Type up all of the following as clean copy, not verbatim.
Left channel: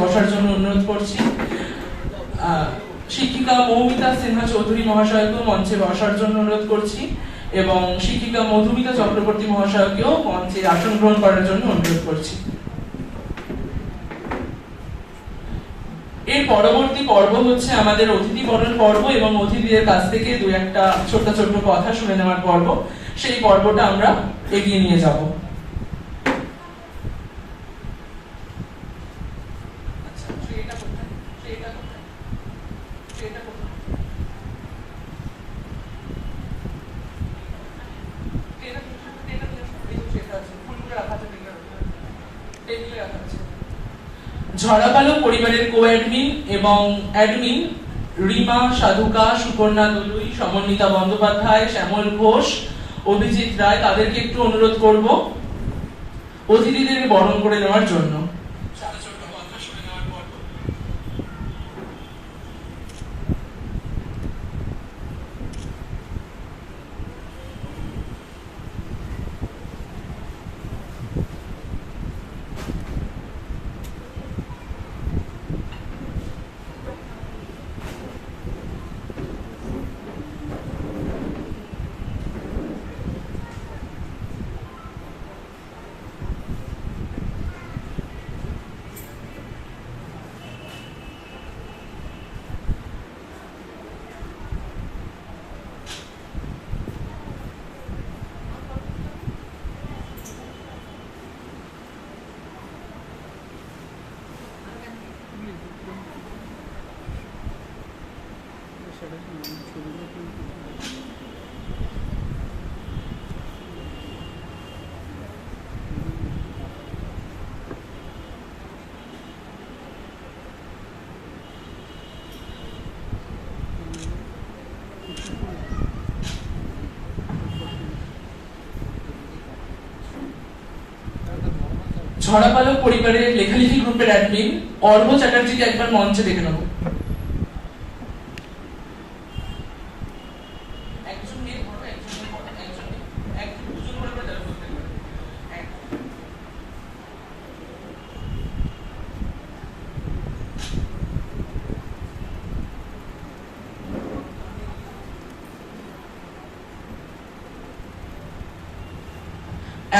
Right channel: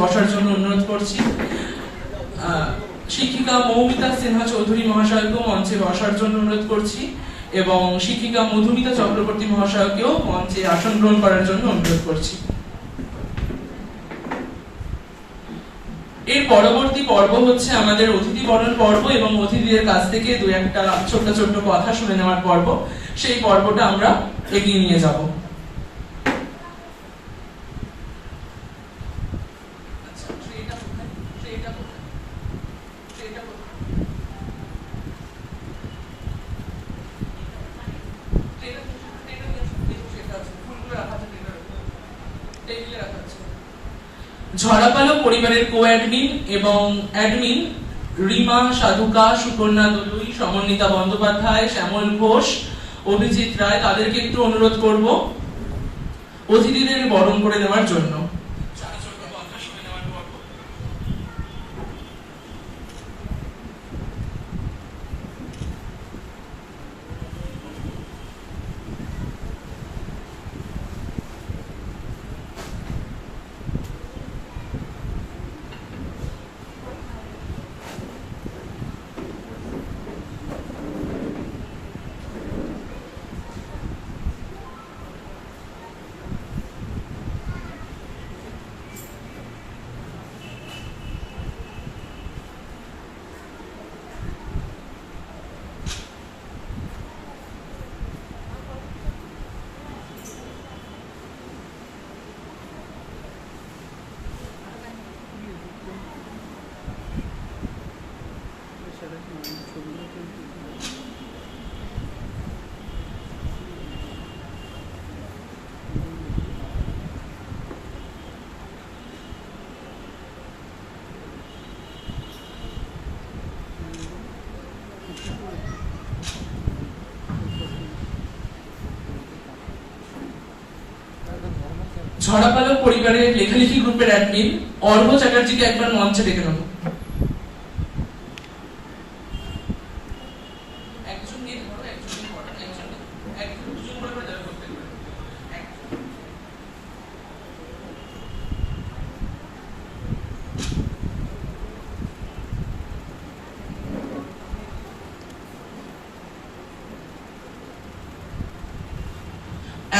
বসার জন্য অনুরোধ করছি। শিক্ষিকা মৌমিতা সিনহা চৌধুরী মহাশয়কেও মঞ্চে বসার জন্য অনুরোধ করছি এবং শিক্ষিকা মধুমিতা চক্রবর্তী মহাশয়কেও মঞ্চে আসন গ্রহণ করার জন্য অনুরোধ করছি। এর পরবর্তী পর্ব হচ্ছে আমাদের অতিথি বরণ পর্ব এবং অতিথিদের কাছ থেকে দুই একটা ছোট্ট ছোট্ট কথা শুনে নেওয়ার পর্ব। সেই পর্বটা আমরা এগিয়ে নিয়ে যাব। ঝড়াপালক পরিবারের কো-অ্যাডমিন এবং অ্যাডমিন রিমা সাধুকা, সুকন্যা দলুই, সমন্বিতা বন্দ্যোপাধ্যায়, শ্যামল ঘোষ, অভিজিৎ রায় তাদেরকে একটু অনুরোধ করব অতিথিদের বরণ করে নেওয়ার জন্য। ঝড়াপালক পরিবারের লেখালেখি গ্রুপের অ্যাডমিন অর্ঘ্য চ্যাটার্জিকে একবার মঞ্চে ডেকে নেব।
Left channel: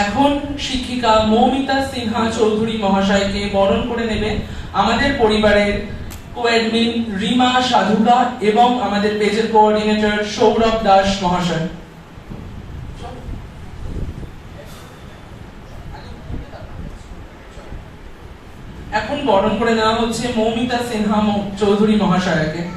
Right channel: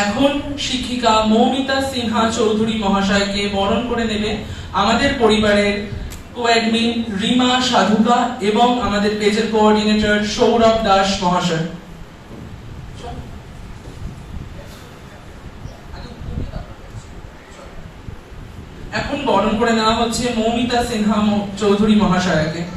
এখন শিক্ষিকা মৌমিতা সিনহা চৌধুরী মহাশয়কে বরণ করে নেবে আমাদের পরিবারের কো-অ্যাডমিন রিমা সাধুকা এবং আমাদের পেজের কোঅর্ডিনেটর সৌরভ দাস মহাশয়। এখন বরণ করে নেওয়া হচ্ছে মৌমিতা সিনহা চৌধুরী মহাশয়কে।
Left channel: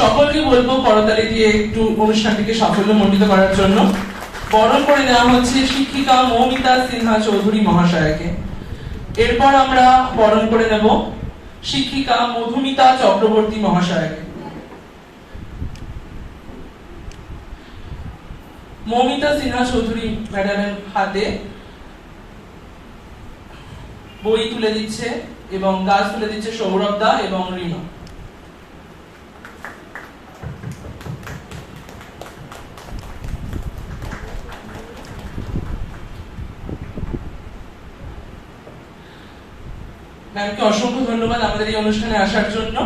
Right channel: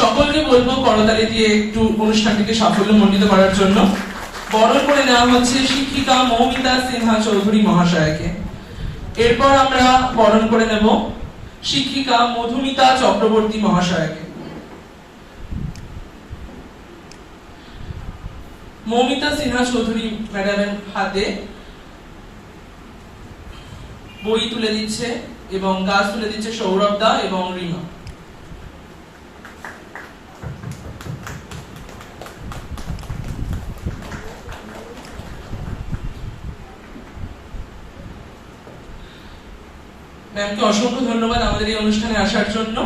সকলকে বলবো করতালি দিয়ে একটু অনুষ্ঠানটিকে সাফল্যমণ্ডিত করার জন্য। বরণ করে নেওয়া হচ্ছে শিক্ষিকা মৌমিতা সিনহা চৌধুরী মহাশয়কে। এরপর আমরা বরণ করে নেব শিক্ষিকা মধুমিতা চক্রবর্তী মহাশয়কে। মৌমিতা সিনহা চৌধুরী ম্যাডামের হাতে বই তুলে দিচ্ছে এবং গাছ তুলে দিচ্ছে সৌরভ দা এবং রিমা। ম্যামকে অসংখ্য ধন্যবাদ আমাদের এই অনুষ্ঠানে আসার জন্য।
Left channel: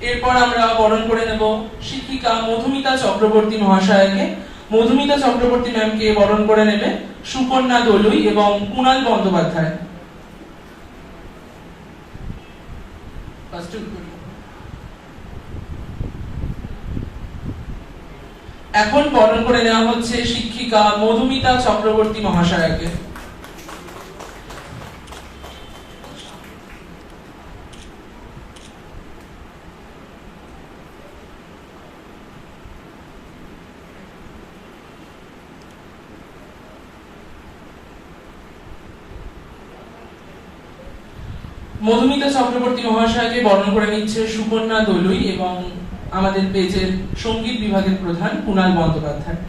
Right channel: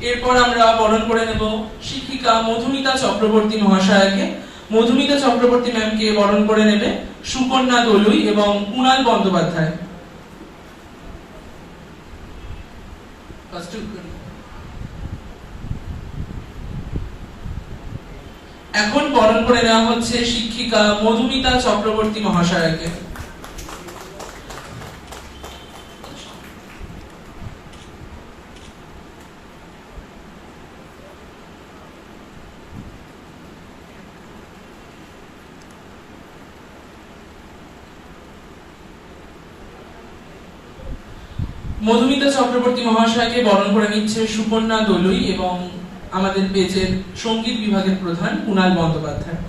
এরপর আমরা বরণ করে নেব শিক্ষিকা মধুমিতা চক্রবর্তী মহাশয়কে। মধুমিতা চক্রবর্তী ম্যামকে বরণ করে নেবে সুকন্যা দলুই এবং কুণাল বন্দ্যোপাধ্যায়। এখন বরণ করে নেওয়া হচ্ছে শিক্ষিকা মধুমিতা চক্রবর্তী মহাশয়কে। মধুমিতা চক্রবর্তী মহাশয়কে বরণ করে নিচ্ছে সুকন্যা দলুই এবং আমাদের পেজের সঙ্গীত বিভাগের প্রধান কুণাল বন্দ্যোপাধ্যায়।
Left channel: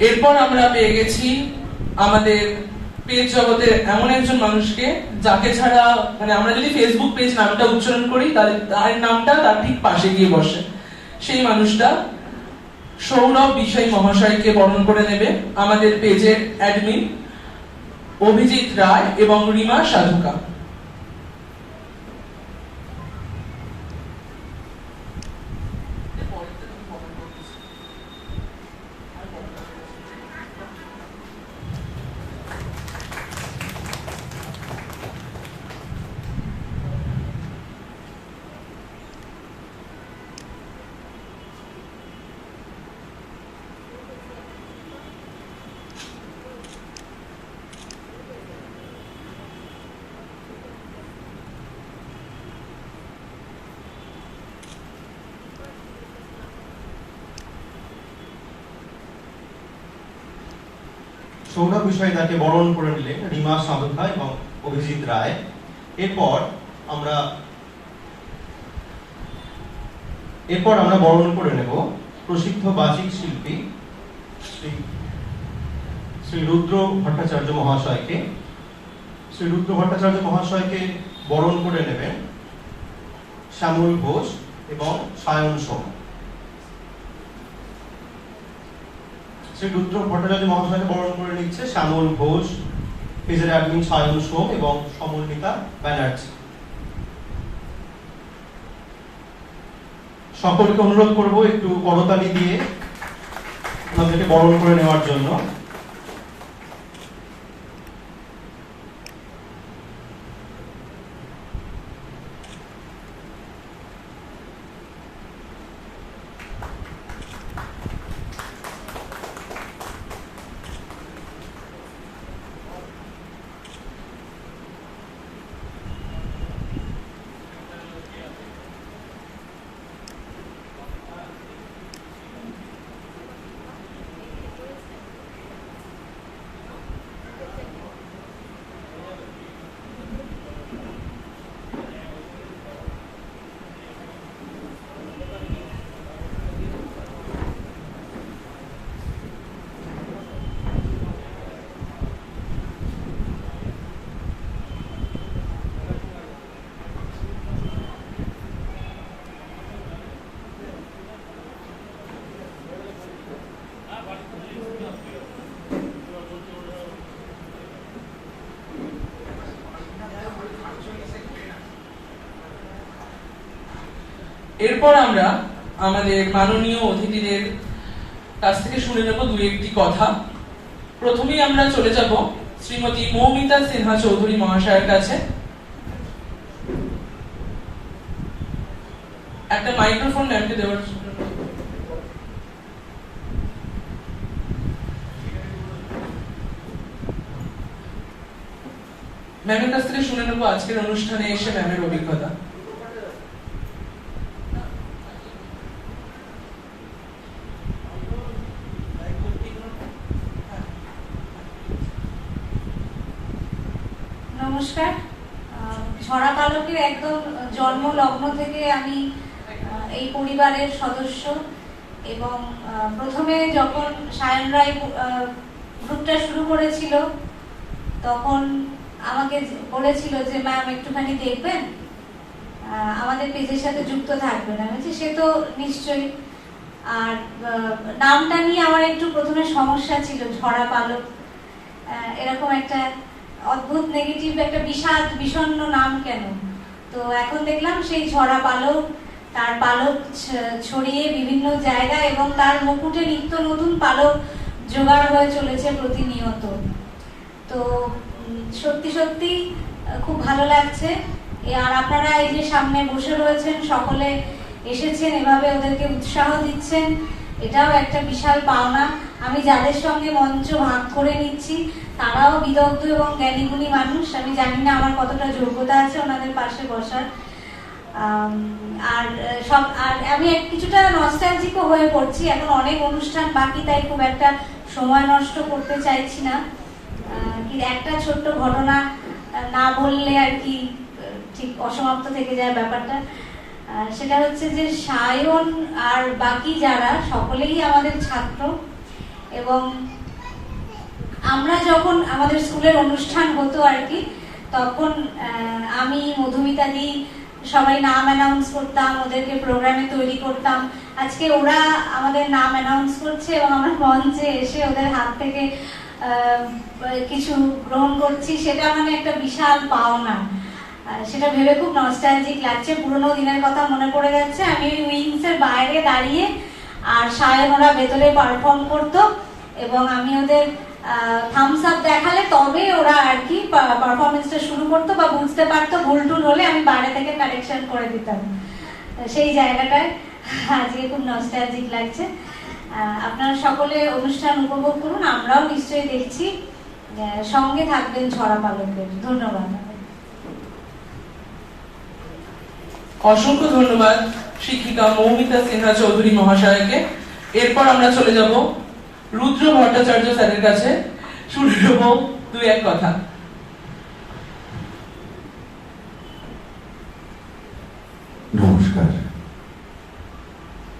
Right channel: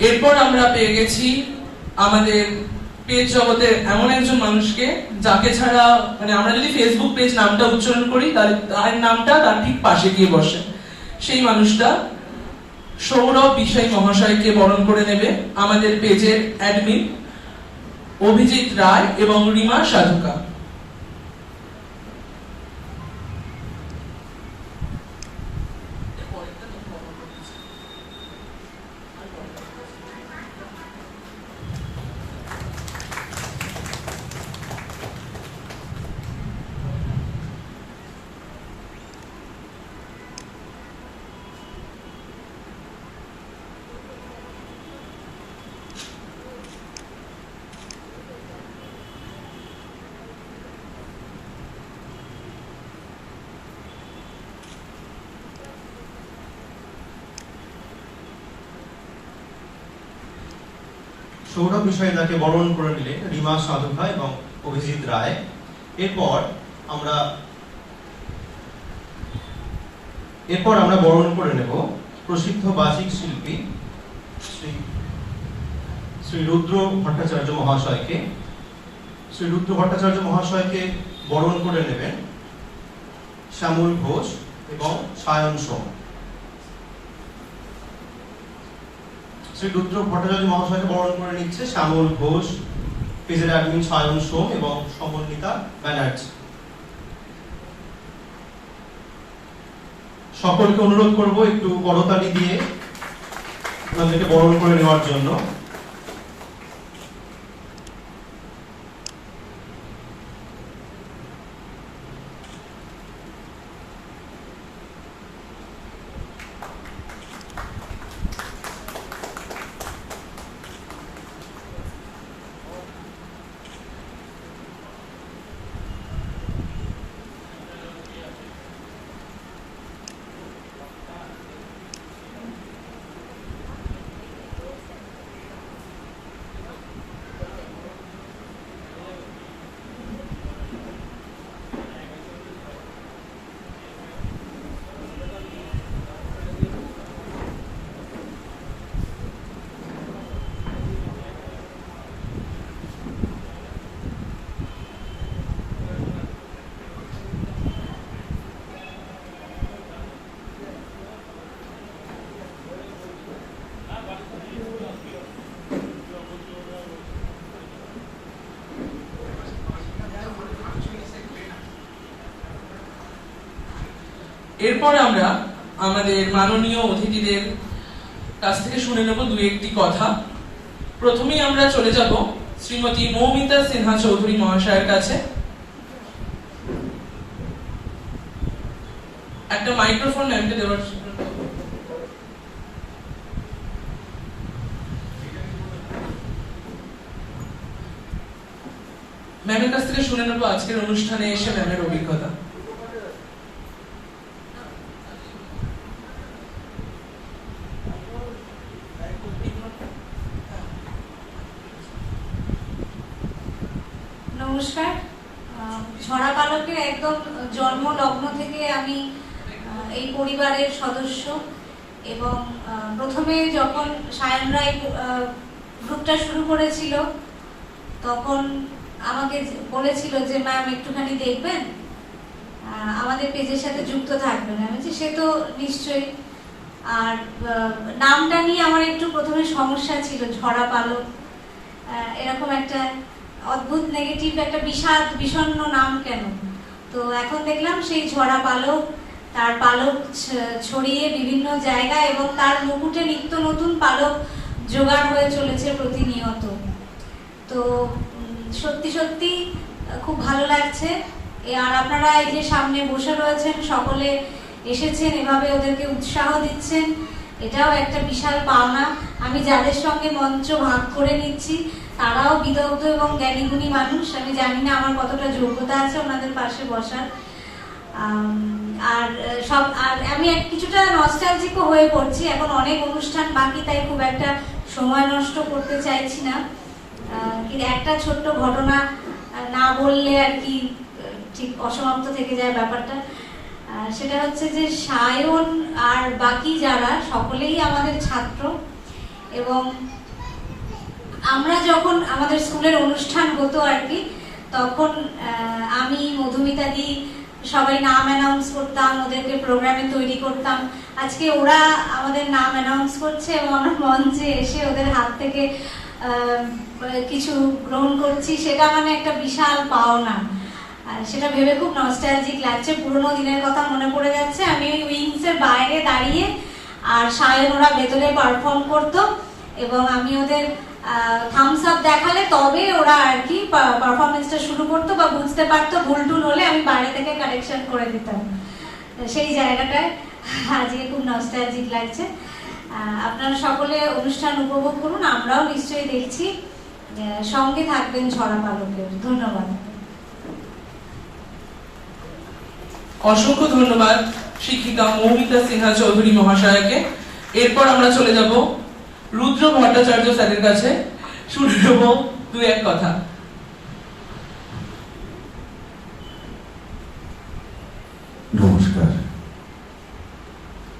এরপর আমরা পেয়ে গেছি আমাদের পেজ জগতের এমন একজন মানুষকে যাকে ছাড়া মানে আমরা যদি ফেসবুক পেজ নামটা উচ্চারণ করি তাহলে তার নামটা তার ঠিক পাশে গিয়ে বসে। সেই মানুষটা সৌরভ বিষয় মহাশয়কে বরণ করে নেবে আমাদের পেজের অ্যাডমিন অভিজিৎ রায় এবং রিমা সাধুকা। সৌরভ বিষয়টাকে বরণ করে নিলেন রিমা সাধুকা এবং অভিজিৎ রায়। এরপর আমরা বরণ করে নেব প্রসিদ্ধ বাচিক শিল্পী শ্রী রুদ্র ভট্টাচার্য মহাশয়কে। শ্রী রুদ্র ভট্টাচার্য মহাশয়কে বরণ করে নেবেন শ্যামল ঘোষ এবং সায়ন সোম। শ্রী রুদ্র ভট্টাচার্য মহাশয়কে বরণ করে নিচ্ছে শ্যামল ঘোষ, পেজের অ্যাডমিন সায়ন সোম এবং সমন্বিতা ব্যানার্জি। সকলকে অনুরোধ করব একটু করতালি দিয়ে ওনাদেরকে বরণ করে নেওয়ার জন্য। এরপর আমরা আমাদের মাননীয় অতিথিদের কাছ থেকে শুনে নেব দুই একটি কথা। প্রথমেই আমরা চলে যাব শ্রীমতী মৌমিতা সিনহা চৌধুরী মহাশয়ের কাছে। একটা মাইক্রোফোন ম্যামকে দেওয়ার জন্য। ম্যামের কাছ থেকে শুনে নেব আজকের অনুষ্ঠানে এসে ম্যামের অভিজ্ঞতা। নমস্কার। ঝরা পালকের একদম জন্ম লগ্ন থেকে আমি এই পরিবারের সদস্য এবং প্রথমে যখন সায়ন রায় গ্রুপটা শুরু করেছিল তখন আমাকে বলেছিল যে ম্যাম একটুখানি দেখবেন, আমাদের পেজের সাথে যুক্ত থাকবেন। আমি বলছি সে তো নিশ্চয়ই। আর নামটা নিয়ে আমার একটু প্রথমে সমস্যা ছিল, ঝরা পালক এরকম একটা অদ্ভুত নেগেটিভ একটা বিষণ্ণ নাম কেন। তো এখন দেখলাম সেই ঝরা পালক, তার পালক ছড়িয়ে বিভিন্ন জায়গায় এবং তার মুকুটে নিত্য নতুন পালক জোগাড় হয়ে চলেছে প্রতিনিয়ত। তো সত্যি সত্যি খুব ভালো লাগছে। আর আপনারা এই যে সামনে বসে রয়েছেন সকলে এসেছেন, এভাবে ওদেরকে উৎসাহ দিচ্ছেন, এটাও একটা বিশাল পাওনা। আমি যাদের সঙ্গে মঞ্চ ভাগ করে নিচ্ছি তারাও বিদগ্ধ এবং জ্ঞানীগুণী মানুষ। আমি জানি না আমার কতটা যোগ্যতা আছে ওনাদের পাশে বসার। আর আমি কিছুটা নস্টালজিকও হয়ে পড়ছি। এখন অনেক অনুষ্ঠান বাকি, তাই খুব একটা সময় নষ্ট করতে চাইছি না। কিন্তু একটা ছোট্ট ঘটনা না বললে আর কি ঠিক অসমাপ্ত থেকে যায় ব্যাপারটা। সেটা হচ্ছে যে সায়ন আর বাকি যারা সকলেই আমাদের ছাত্র এবং আমরা যখন আমাদের স্কুলের অনুষ্ঠান হতো আর কি, তখন আমি, মধুমিতা দি সবাই নাম অ্যানাউন্স করতাম, ওদেরকে প্রোগ্রামে তৈরি করতাম। আজকে ওরা আমাদের নাম অ্যানাউন্স করছে এবং আমরা মঞ্চে এসে ওদের হাত থেকে কিছু গ্রহণ করছি, সেটা মানে একটা বিশাল পাওনা। সেটা ভেবে খুব নস্টালজিক লাগছে, পুরোনো দিনের কথা মনে পড়ে যাচ্ছে। আমি ওই উইংসের বাইরে দাঁড়িয়ে আর সায়ন ওরা ভেতরে পারফর্ম করতো এবং আমি ওদের থামস আপ দেখালে তবে ওরা আর কি পারফরমেন্সটা শুরু করতো বা বুঝতে পারতো ভুল টুল হলে আমি বাইরে থেকে কারেকশন করে দিতাম। সেই জায়গাটায় আজকে খুব নস্টালজিক লাগছে। আপনারা সকলে অনুষ্ঠান উপভোগ করুন, আমরাও নিশ্চয়ই দেখছি। সঙ্গে থাকবেন ঝরা পালকের। ধন্যবাদ। অসংখ্য ধন্যবাদ শিক্ষিকা মৌমিতা সিনহা চৌধুরী মহাশয়কে। এরপর আমরা চলে যাব রুদ্র ভট্টাচার্য স্যারের কাছে, শুনে নেব দু এক কথা। নমস্কার।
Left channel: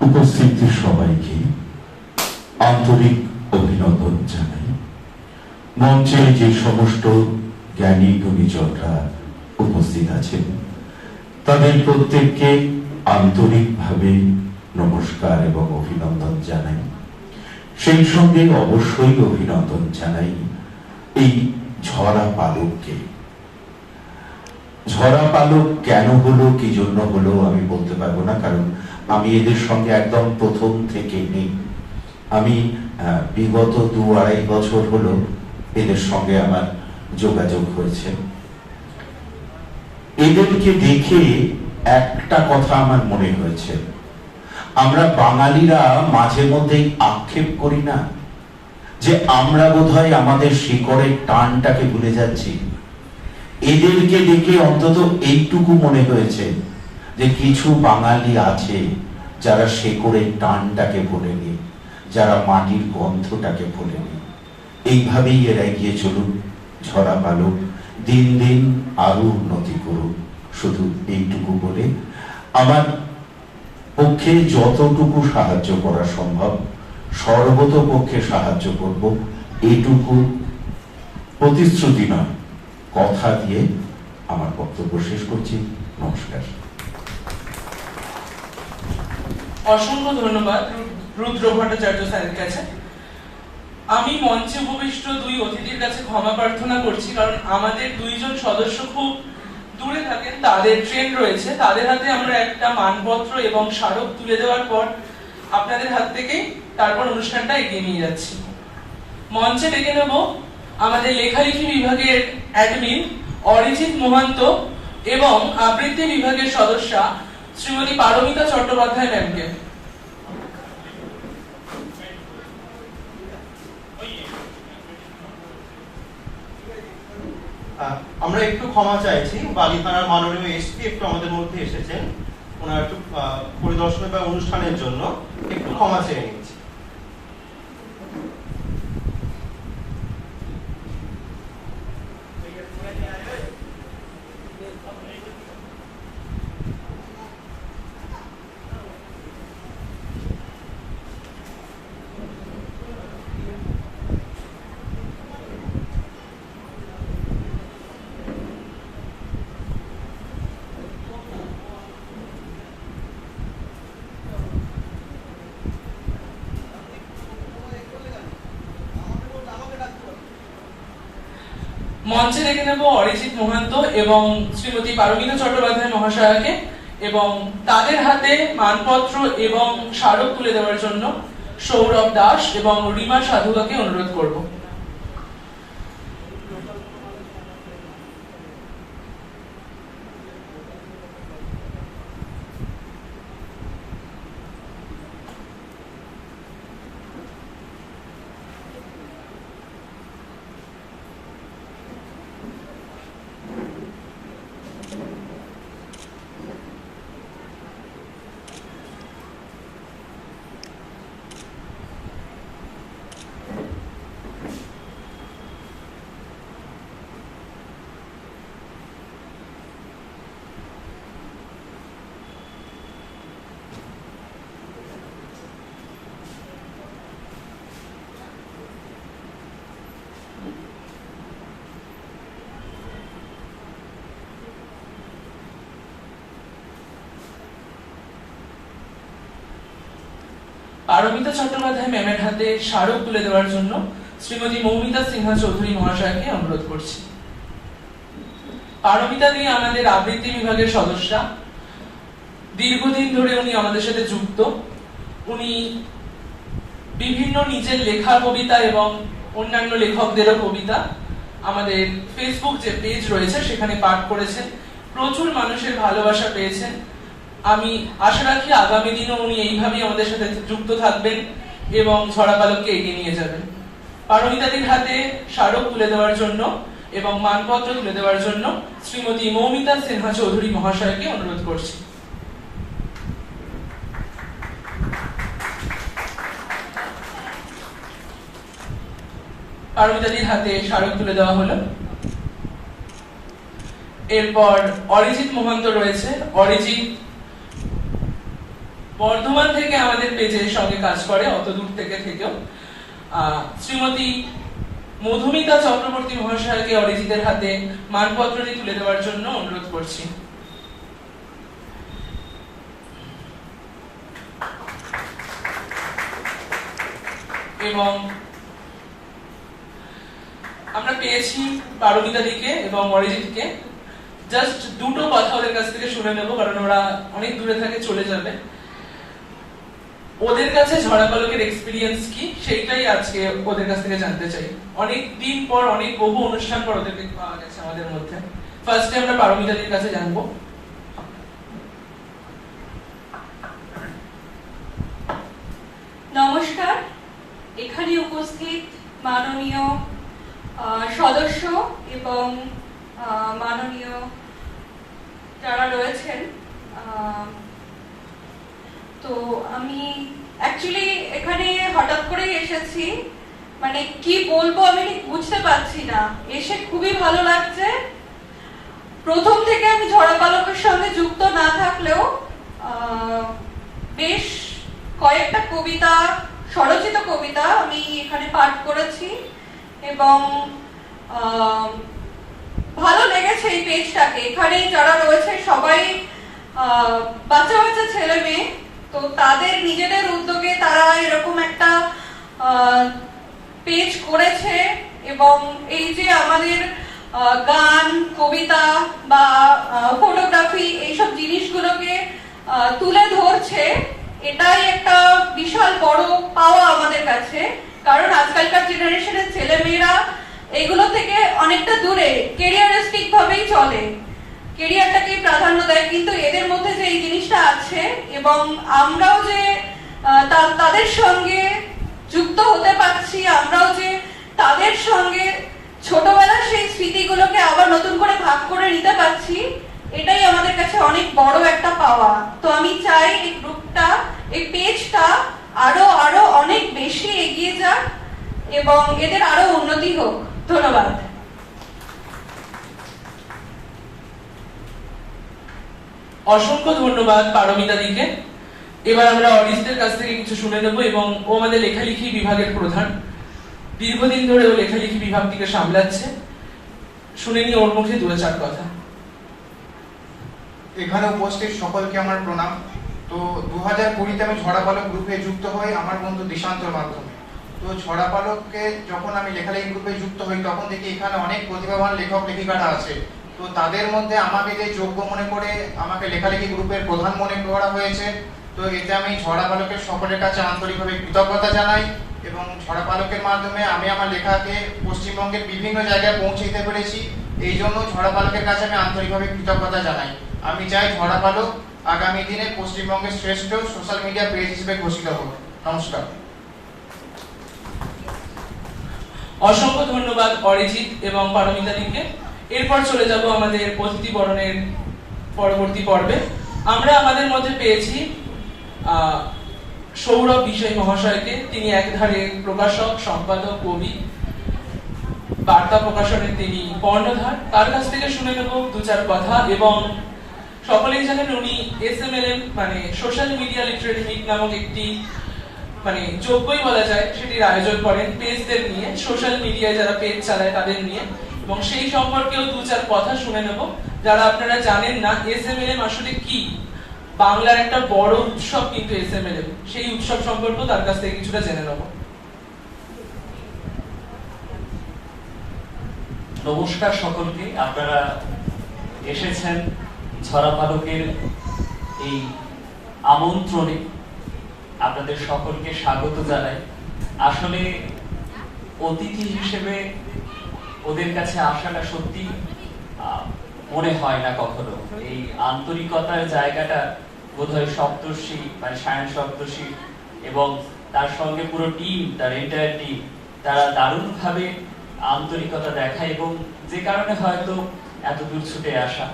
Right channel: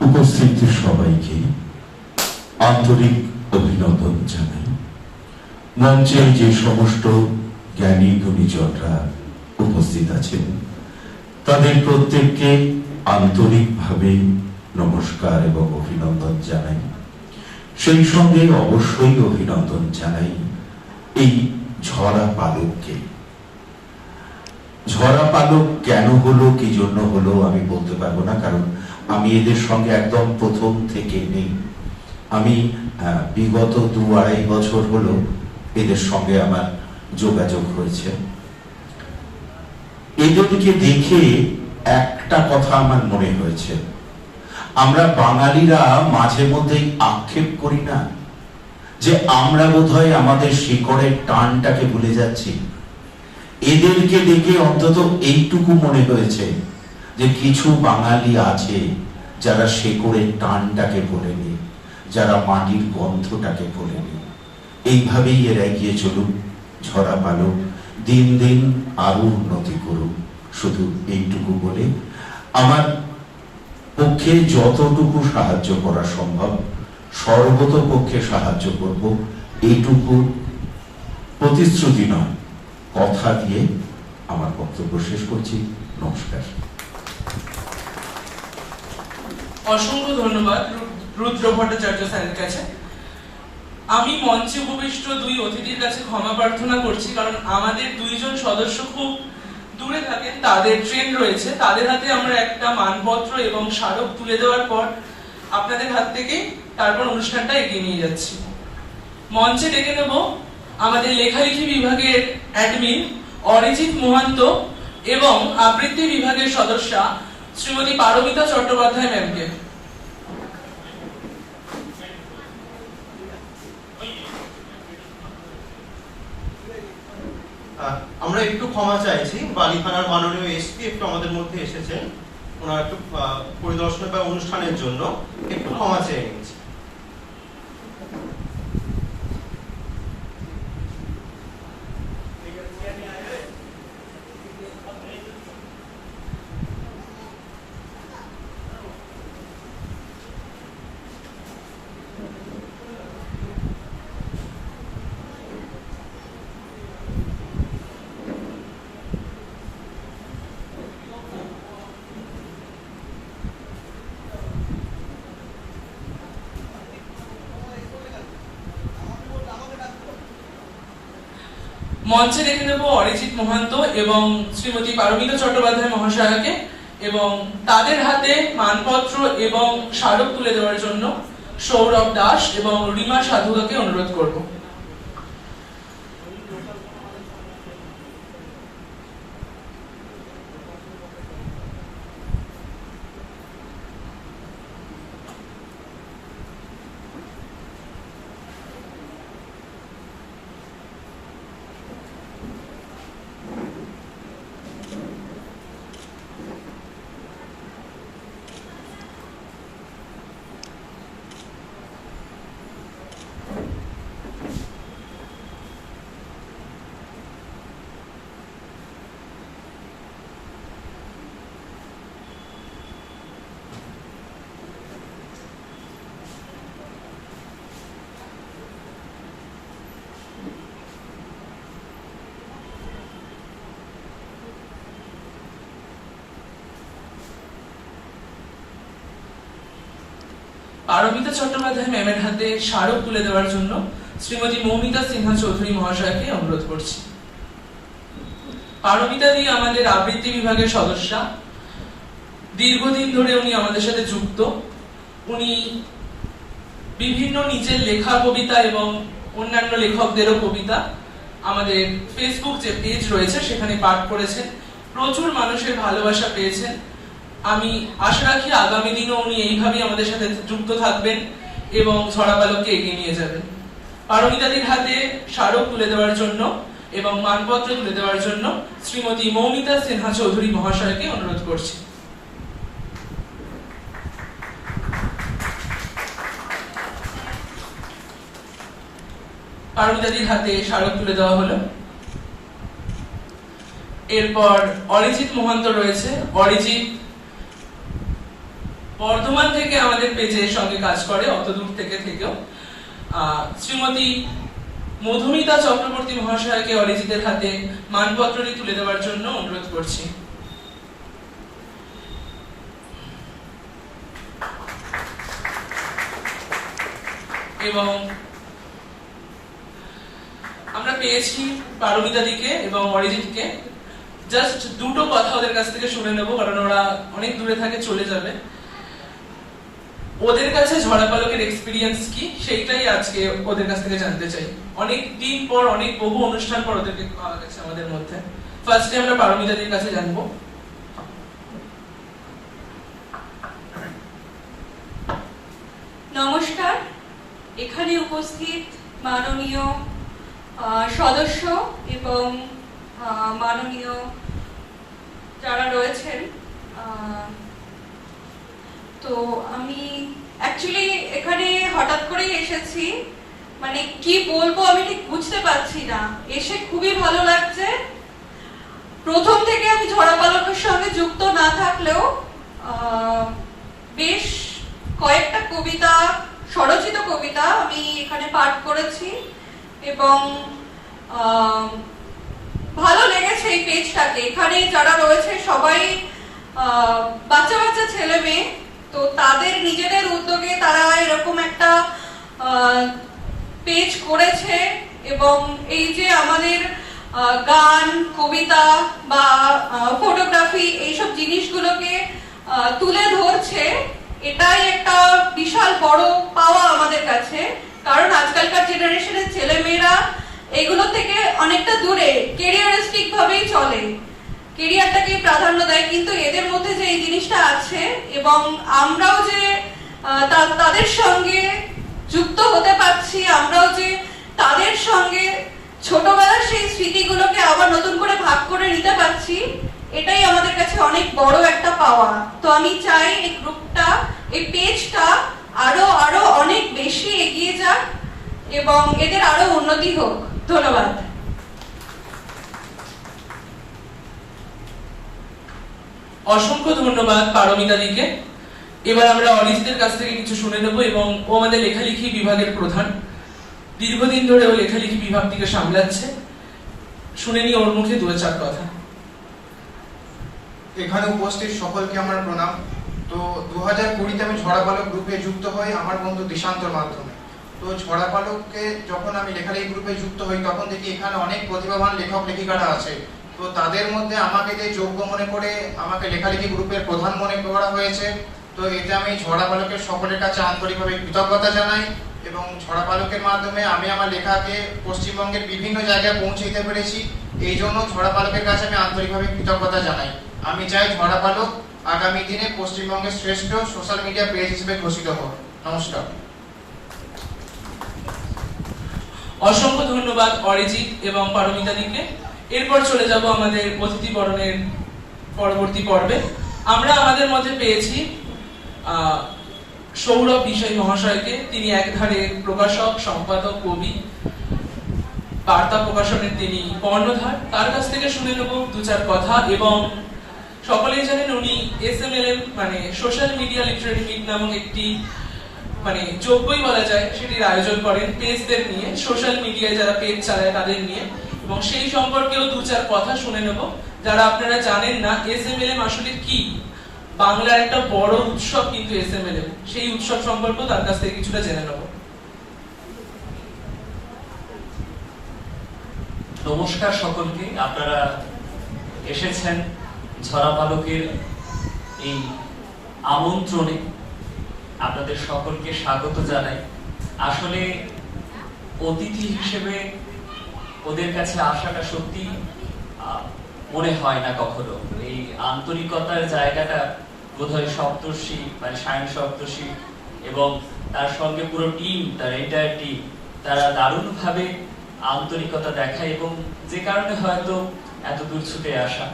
উপস্থিত সবাইকে আন্তরিক অভিনন্দন জানাই। মঞ্চের যে সমস্ত জ্ঞানী গুণীজনরা উপস্থিত আছেন তাদের প্রত্যেককে আন্তরিকভাবে নমস্কার এবং অভিনন্দন জানাই। সেই সঙ্গে অবশ্যই অভিনন্দন জানাই এই ঝরা পালককে। ঝরা পালক কেন হলো, কি জন্য হলো আমি বলতে পারবো না, কারণ আমি এদের সঙ্গে একদম প্রথম থেকে নেই। আমি বিগত 2-2.5 বছর হলো এদের সঙ্গে আমার যোগাযোগ হয়েছে। এদেরকে দেখে একটা কথা আমার মনে হয়েছে, আমরা বাঙালিরা মাঝে মধ্যেই আক্ষেপ করি না যে আমরা বোধহয় আমাদের শিকড়ের টানটাকে ভুলে যাচ্ছি। এদেরকে দেখে অন্তত এইটুকু মনে হয়েছে যে কিছু বাঙালি আছে যারা শিকড়ের টানটাকে ভোলেনি, যারা মাটির গন্ধটাকে ভোলেনি। এইভাবেই এরা এগিয়ে চলুক, ঝরা পালক দিন দিন আরো উন্নতি করুক। শুধু এইটুকু বলে আমার পক্ষে যতটুকু সাহায্য করা সম্ভব সর্বতোপক্ষে সাহায্য করব, এইটুকু প্রতিশ্রুতি নয়, কথা দিয়ে আমার বক্তব্য শেষ করছি। নমস্কার। অসংখ্য ধন্যবাদ রুদ্র ভট্টাচার্য স্যারের কাছে। আমি মঞ্চে উপবিষ্ট দুই অতিথির কাছে ক্ষমা প্রার্থনা করছি, কারণ আমাদের দুইজন সদস্য খুব দূরে থাকেন, তাদের ট্রেন রয়েছে। তাদের হাতে আমরা একটা মানপত্র এবং স্মারক তুলে দেওয়ার পর আপনাদের হাত থেকে তারপর অনুষ্ঠানটা এগিয়ে নিয়ে যাচ্ছি। মঞ্চে ডেকে নেব আমাদের লেখালেখি বিভাগের অ্যাডমিন অরিজিৎ মহান্ত এবং আবৃত্তি বিভাগের সদস্যা শ্রীমতী পারমিতা চট্টোপাধ্যায় ম্যামকে। আমরা একটু ক্ষমা চাইছি, বালিখানার মাননীয় এসপি একটু আমাদের মধ্যে এসেছেন, ওনার একটু পরিদর্শন বা অনুষ্ঠানের জন্য একটু ক্ষমা চেয়ে নিচ্ছি। মঞ্চে রেখে নেব অরিজিৎ মহান্ত এবং শ্রীমতী পারমিতা চট্টোপাধ্যায় মহাশয়াকে এবং তাদের হাতে মানপত্র এবং স্মারক তুলে দেওয়ার জন্য সৌরভ দাস এবং রিমা সাধুকাকে অনুরোধ করব। পারমিতা চট্টোপাধ্যায় ম্যামের হাতে স্মারক তুলে দেওয়ার জন্য শ্রীমতী মৌমিতা সিনহা চৌধুরী মহাশয়কে অনুরোধ করছি। পারমিতা দি আমাদের আবৃত্তি বিভাগের সদস্যা। দীর্ঘদিন ধরে উনি আমাদের সাথে যুক্ত। উনি বিভিন্ন নিজের লেখা কবিতা এবং অন্যান্য লেখকদেরও কবিতা আমাদের ফেসবুক যে পেজ রয়েছে সেখানে পাঠ করেছেন, প্রচুর মানুষের ভালোবাসা পেয়েছেন। আমি আশা রাখি আগামী দিনও উনি এইভাবেই আমাদের সাথে যুক্ত থাকবেন এবং ঝরা পালককে এগিয়ে নিয়ে যাবেন। পারমিতাদির হাতে স্মারক তুলে দেওয়ার জন্য এবং মানপত্র তুলে দেওয়ার জন্য শ্রীমতী মৌমিতা সিনহা চৌধুরী মহাশয়কে অনুরোধ করছি। পারমিতাদির হাতে স্মারক তুলে দেওয়া হলো। এরপর অরিজিৎ মহন্ত রয়েছে। অরিজিৎ বর্ধমান থেকে আমাদের পেজের সঙ্গে কাজ করে, অত দূর থেকেও। শ্রীমতী মধুমিতা চক্রবর্তী মহাশয়কে অরিজিতের হাতে মানপত্রটি তুলে দেওয়ার জন্য অনুরোধ করছি। এবং আমরা পেয়েছি পারমিতা দিকে এবং অরিজিৎকে। জাস্ট দুটো কথা ওদের কাছ থেকে শুনে নেবো, কারণ ওরা অনেক দূরে থাকে, চলে যাবে। ওদের কাছে ঝরা পালকের এক্সপিরিয়েন্স কি সেইটাই আজকে ওদের কাছ থেকে জানতে চাই। অনেক দিন পর, অনেক বহু অনুষ্ঠান পর ওদেরকে পাওয়া গেছে আমাদের মধ্যে। ফার্স্টে আমরা পারমিতাদের কাছে জানবো। নমস্কার। এখানে উপস্থিত মাননীয় সদস্য এবং মাননীয় যারা রয়েছেন, তো আমি অ্যাকচুয়ালি এখানে হঠাৎ করেই এসেছি, মানে কি বলবো আমি ঠিক বুঝতে পারছি না। এসে খুবই ভালো লাগছে। প্রথম থেকে আমি ঝরা পালকের সঙ্গে যুক্ত না থাকলেও বেশ কয়েকটা কবিতা, স্বরচিত কবিতা আমি এখানে পাঠ করেছি এবং ভালো লেগেছে এই পেজটাকে। এখানে যারা রয়েছে সবাই বাচ্চা বাচ্চা ছেলে মেয়ে, তো তাদের নিজেদের উদ্যোগে তারা এরকম একটা পেজ করেছে এবং এই যে আমাদের গান, কবিতা বা ফটোগ্রাফি এইসব জিনিসগুলোকে তুলে ধরছে, এটাই একটা বিশাল বড় পাওয়া আমাদের কাছে। কারণ আজকালকার জেনারেশনের ছেলে মেয়েরা এগুলো থেকে অনেকটা দূরে, ক্যারিয়ারিস্টিক ভাবেই চলে, ক্যারিয়ারটাকে প্রাধান্য দেয়। কিন্তু এদের মধ্যে যে এই জিনিসটা আছে এবং আমরাও যে তাদের সঙ্গে যুক্ত হতে পারছি, আমরাও যে তাদের সঙ্গে ছোটবেলার সেই স্মৃতিগুলোকে আবার নতুন করে ভাগ করে নিতে পারছি, এটাই আমাদের কাছে অনেক বড় একটা পাওয়া। তো আমি চাই এই গ্রুপটা, এই পেজটা আরো আরো অনেক বেশি এগিয়ে যাক এবং এদের আরো উন্নতি হোক। ধন্যবাদ। অসংখ্য ধন্যবাদ পারমিতা দিকে। এবার আমরা অরিজিতের কাছ থেকে কিছু শুনে নেব এবং ও আমাদের লেখালেখি বিভাগের প্রধান। দীর্ঘদিন ধরে ও লেখালেখি বিভাগটিকে সামলাচ্ছে। শুনে নি ওর মুখে দু চার কথা। এখানে উপস্থিত সকলকে আমার প্রণাম। তো 2020-তে আমি ঝরা পালক গ্রুপে যুক্ত হই আমার বন্ধু দিশান্তর মাধ্যমে। তো ঝরা পালককে যখন আমি লেখালেখি গ্রুপে যুক্ত হই তখন দেখি এখানে অনেক প্রতিভাবান লেখক লেখিকারা আছে। তো তাদের মধ্যে আমাকে যে যোগ্য মনে করে আমাকে লেখালেখি গ্রুপের প্রধান মনে করা হয়েছে। তো এতে আমি ঝরা পালকের সকলের কাছে আন্তরিকভাবে কৃতজ্ঞতা জানাই এবং ঝরা পালকের মাধ্যমে আমি আমার লেখাকে পশ্চিমবঙ্গের বিভিন্ন জায়গায় পৌঁছে দিতে পেরেছি। এই জন্য ঝরা পালকের কাছে আমি আন্তরিকভাবে কৃতজ্ঞতা জানাই। আমি চাই ঝরা পালক আগামী দিনে পশ্চিমবঙ্গের শ্রেষ্ঠ সোশ্যাল মিডিয়া পেজ হিসেবে ঘোষিত হোক। নমস্কার। অসংখ্য ধন্যবাদ অরিজিৎ এবং পারমিতা দিকে। এরপর চলে যাব আমাদের অতিথি বরণের পরবর্তী পর্বে। আমরা আমাদের মধ্যে পেয়েছি সৌরভ বিষয় মহাশয়কে। তিনি একধারে প্রকাশক, সম্পাদক, কবি, বার্তা প্রকাশনের তিনি কর্ণধার। তার কাছ থেকে শুনে নেব দু চার কথা। এবং সকলেই জানেন উনি SMLM মানে সোশ্যাল মিডিয়া লিটারেরি মিট নামক একটি মানে যোগ্যই বলা যায় সেটির আয়োজন করেন পেজদের নিয়ে, সোশ্যাল মিডিয়ায় যারা পেজ চালায় তাদের নিয়ে। এবং সেই সম্পর্কেও দু চার কথা শুনে নেব। যারা আপনারা জানেন না SMLM আসলে কি, বাংলার একটা বড় উৎসব কিন্তু এসএমএল এ, সেই উৎসব সম্পর্কেও তার কাছ থেকে কিছুটা জেনে নেব। নমস্কার সকলকে, আপনারা এসেছেন ঝরা পালকের এই আমন্ত্রণে, আপনাদের সকলকে স্বাগত জানাই। আসলে অতিথি হিসেবে ওদের কাছে আসাটা সত্যি মনে হয় না কখনো। এই আন্তরিকতার জায়গাটা বোধহয় সপ্তর্ষি মানে সায়ন সপ্তর্ষি এবং তার সঙ্গে পুরো টিম, তার এন্টায়ার টিম, তারা দারুণভাবে আন্তরিকতা দেখায় এবং যে কারণে হয়তো এত দূর ছুটে আসা।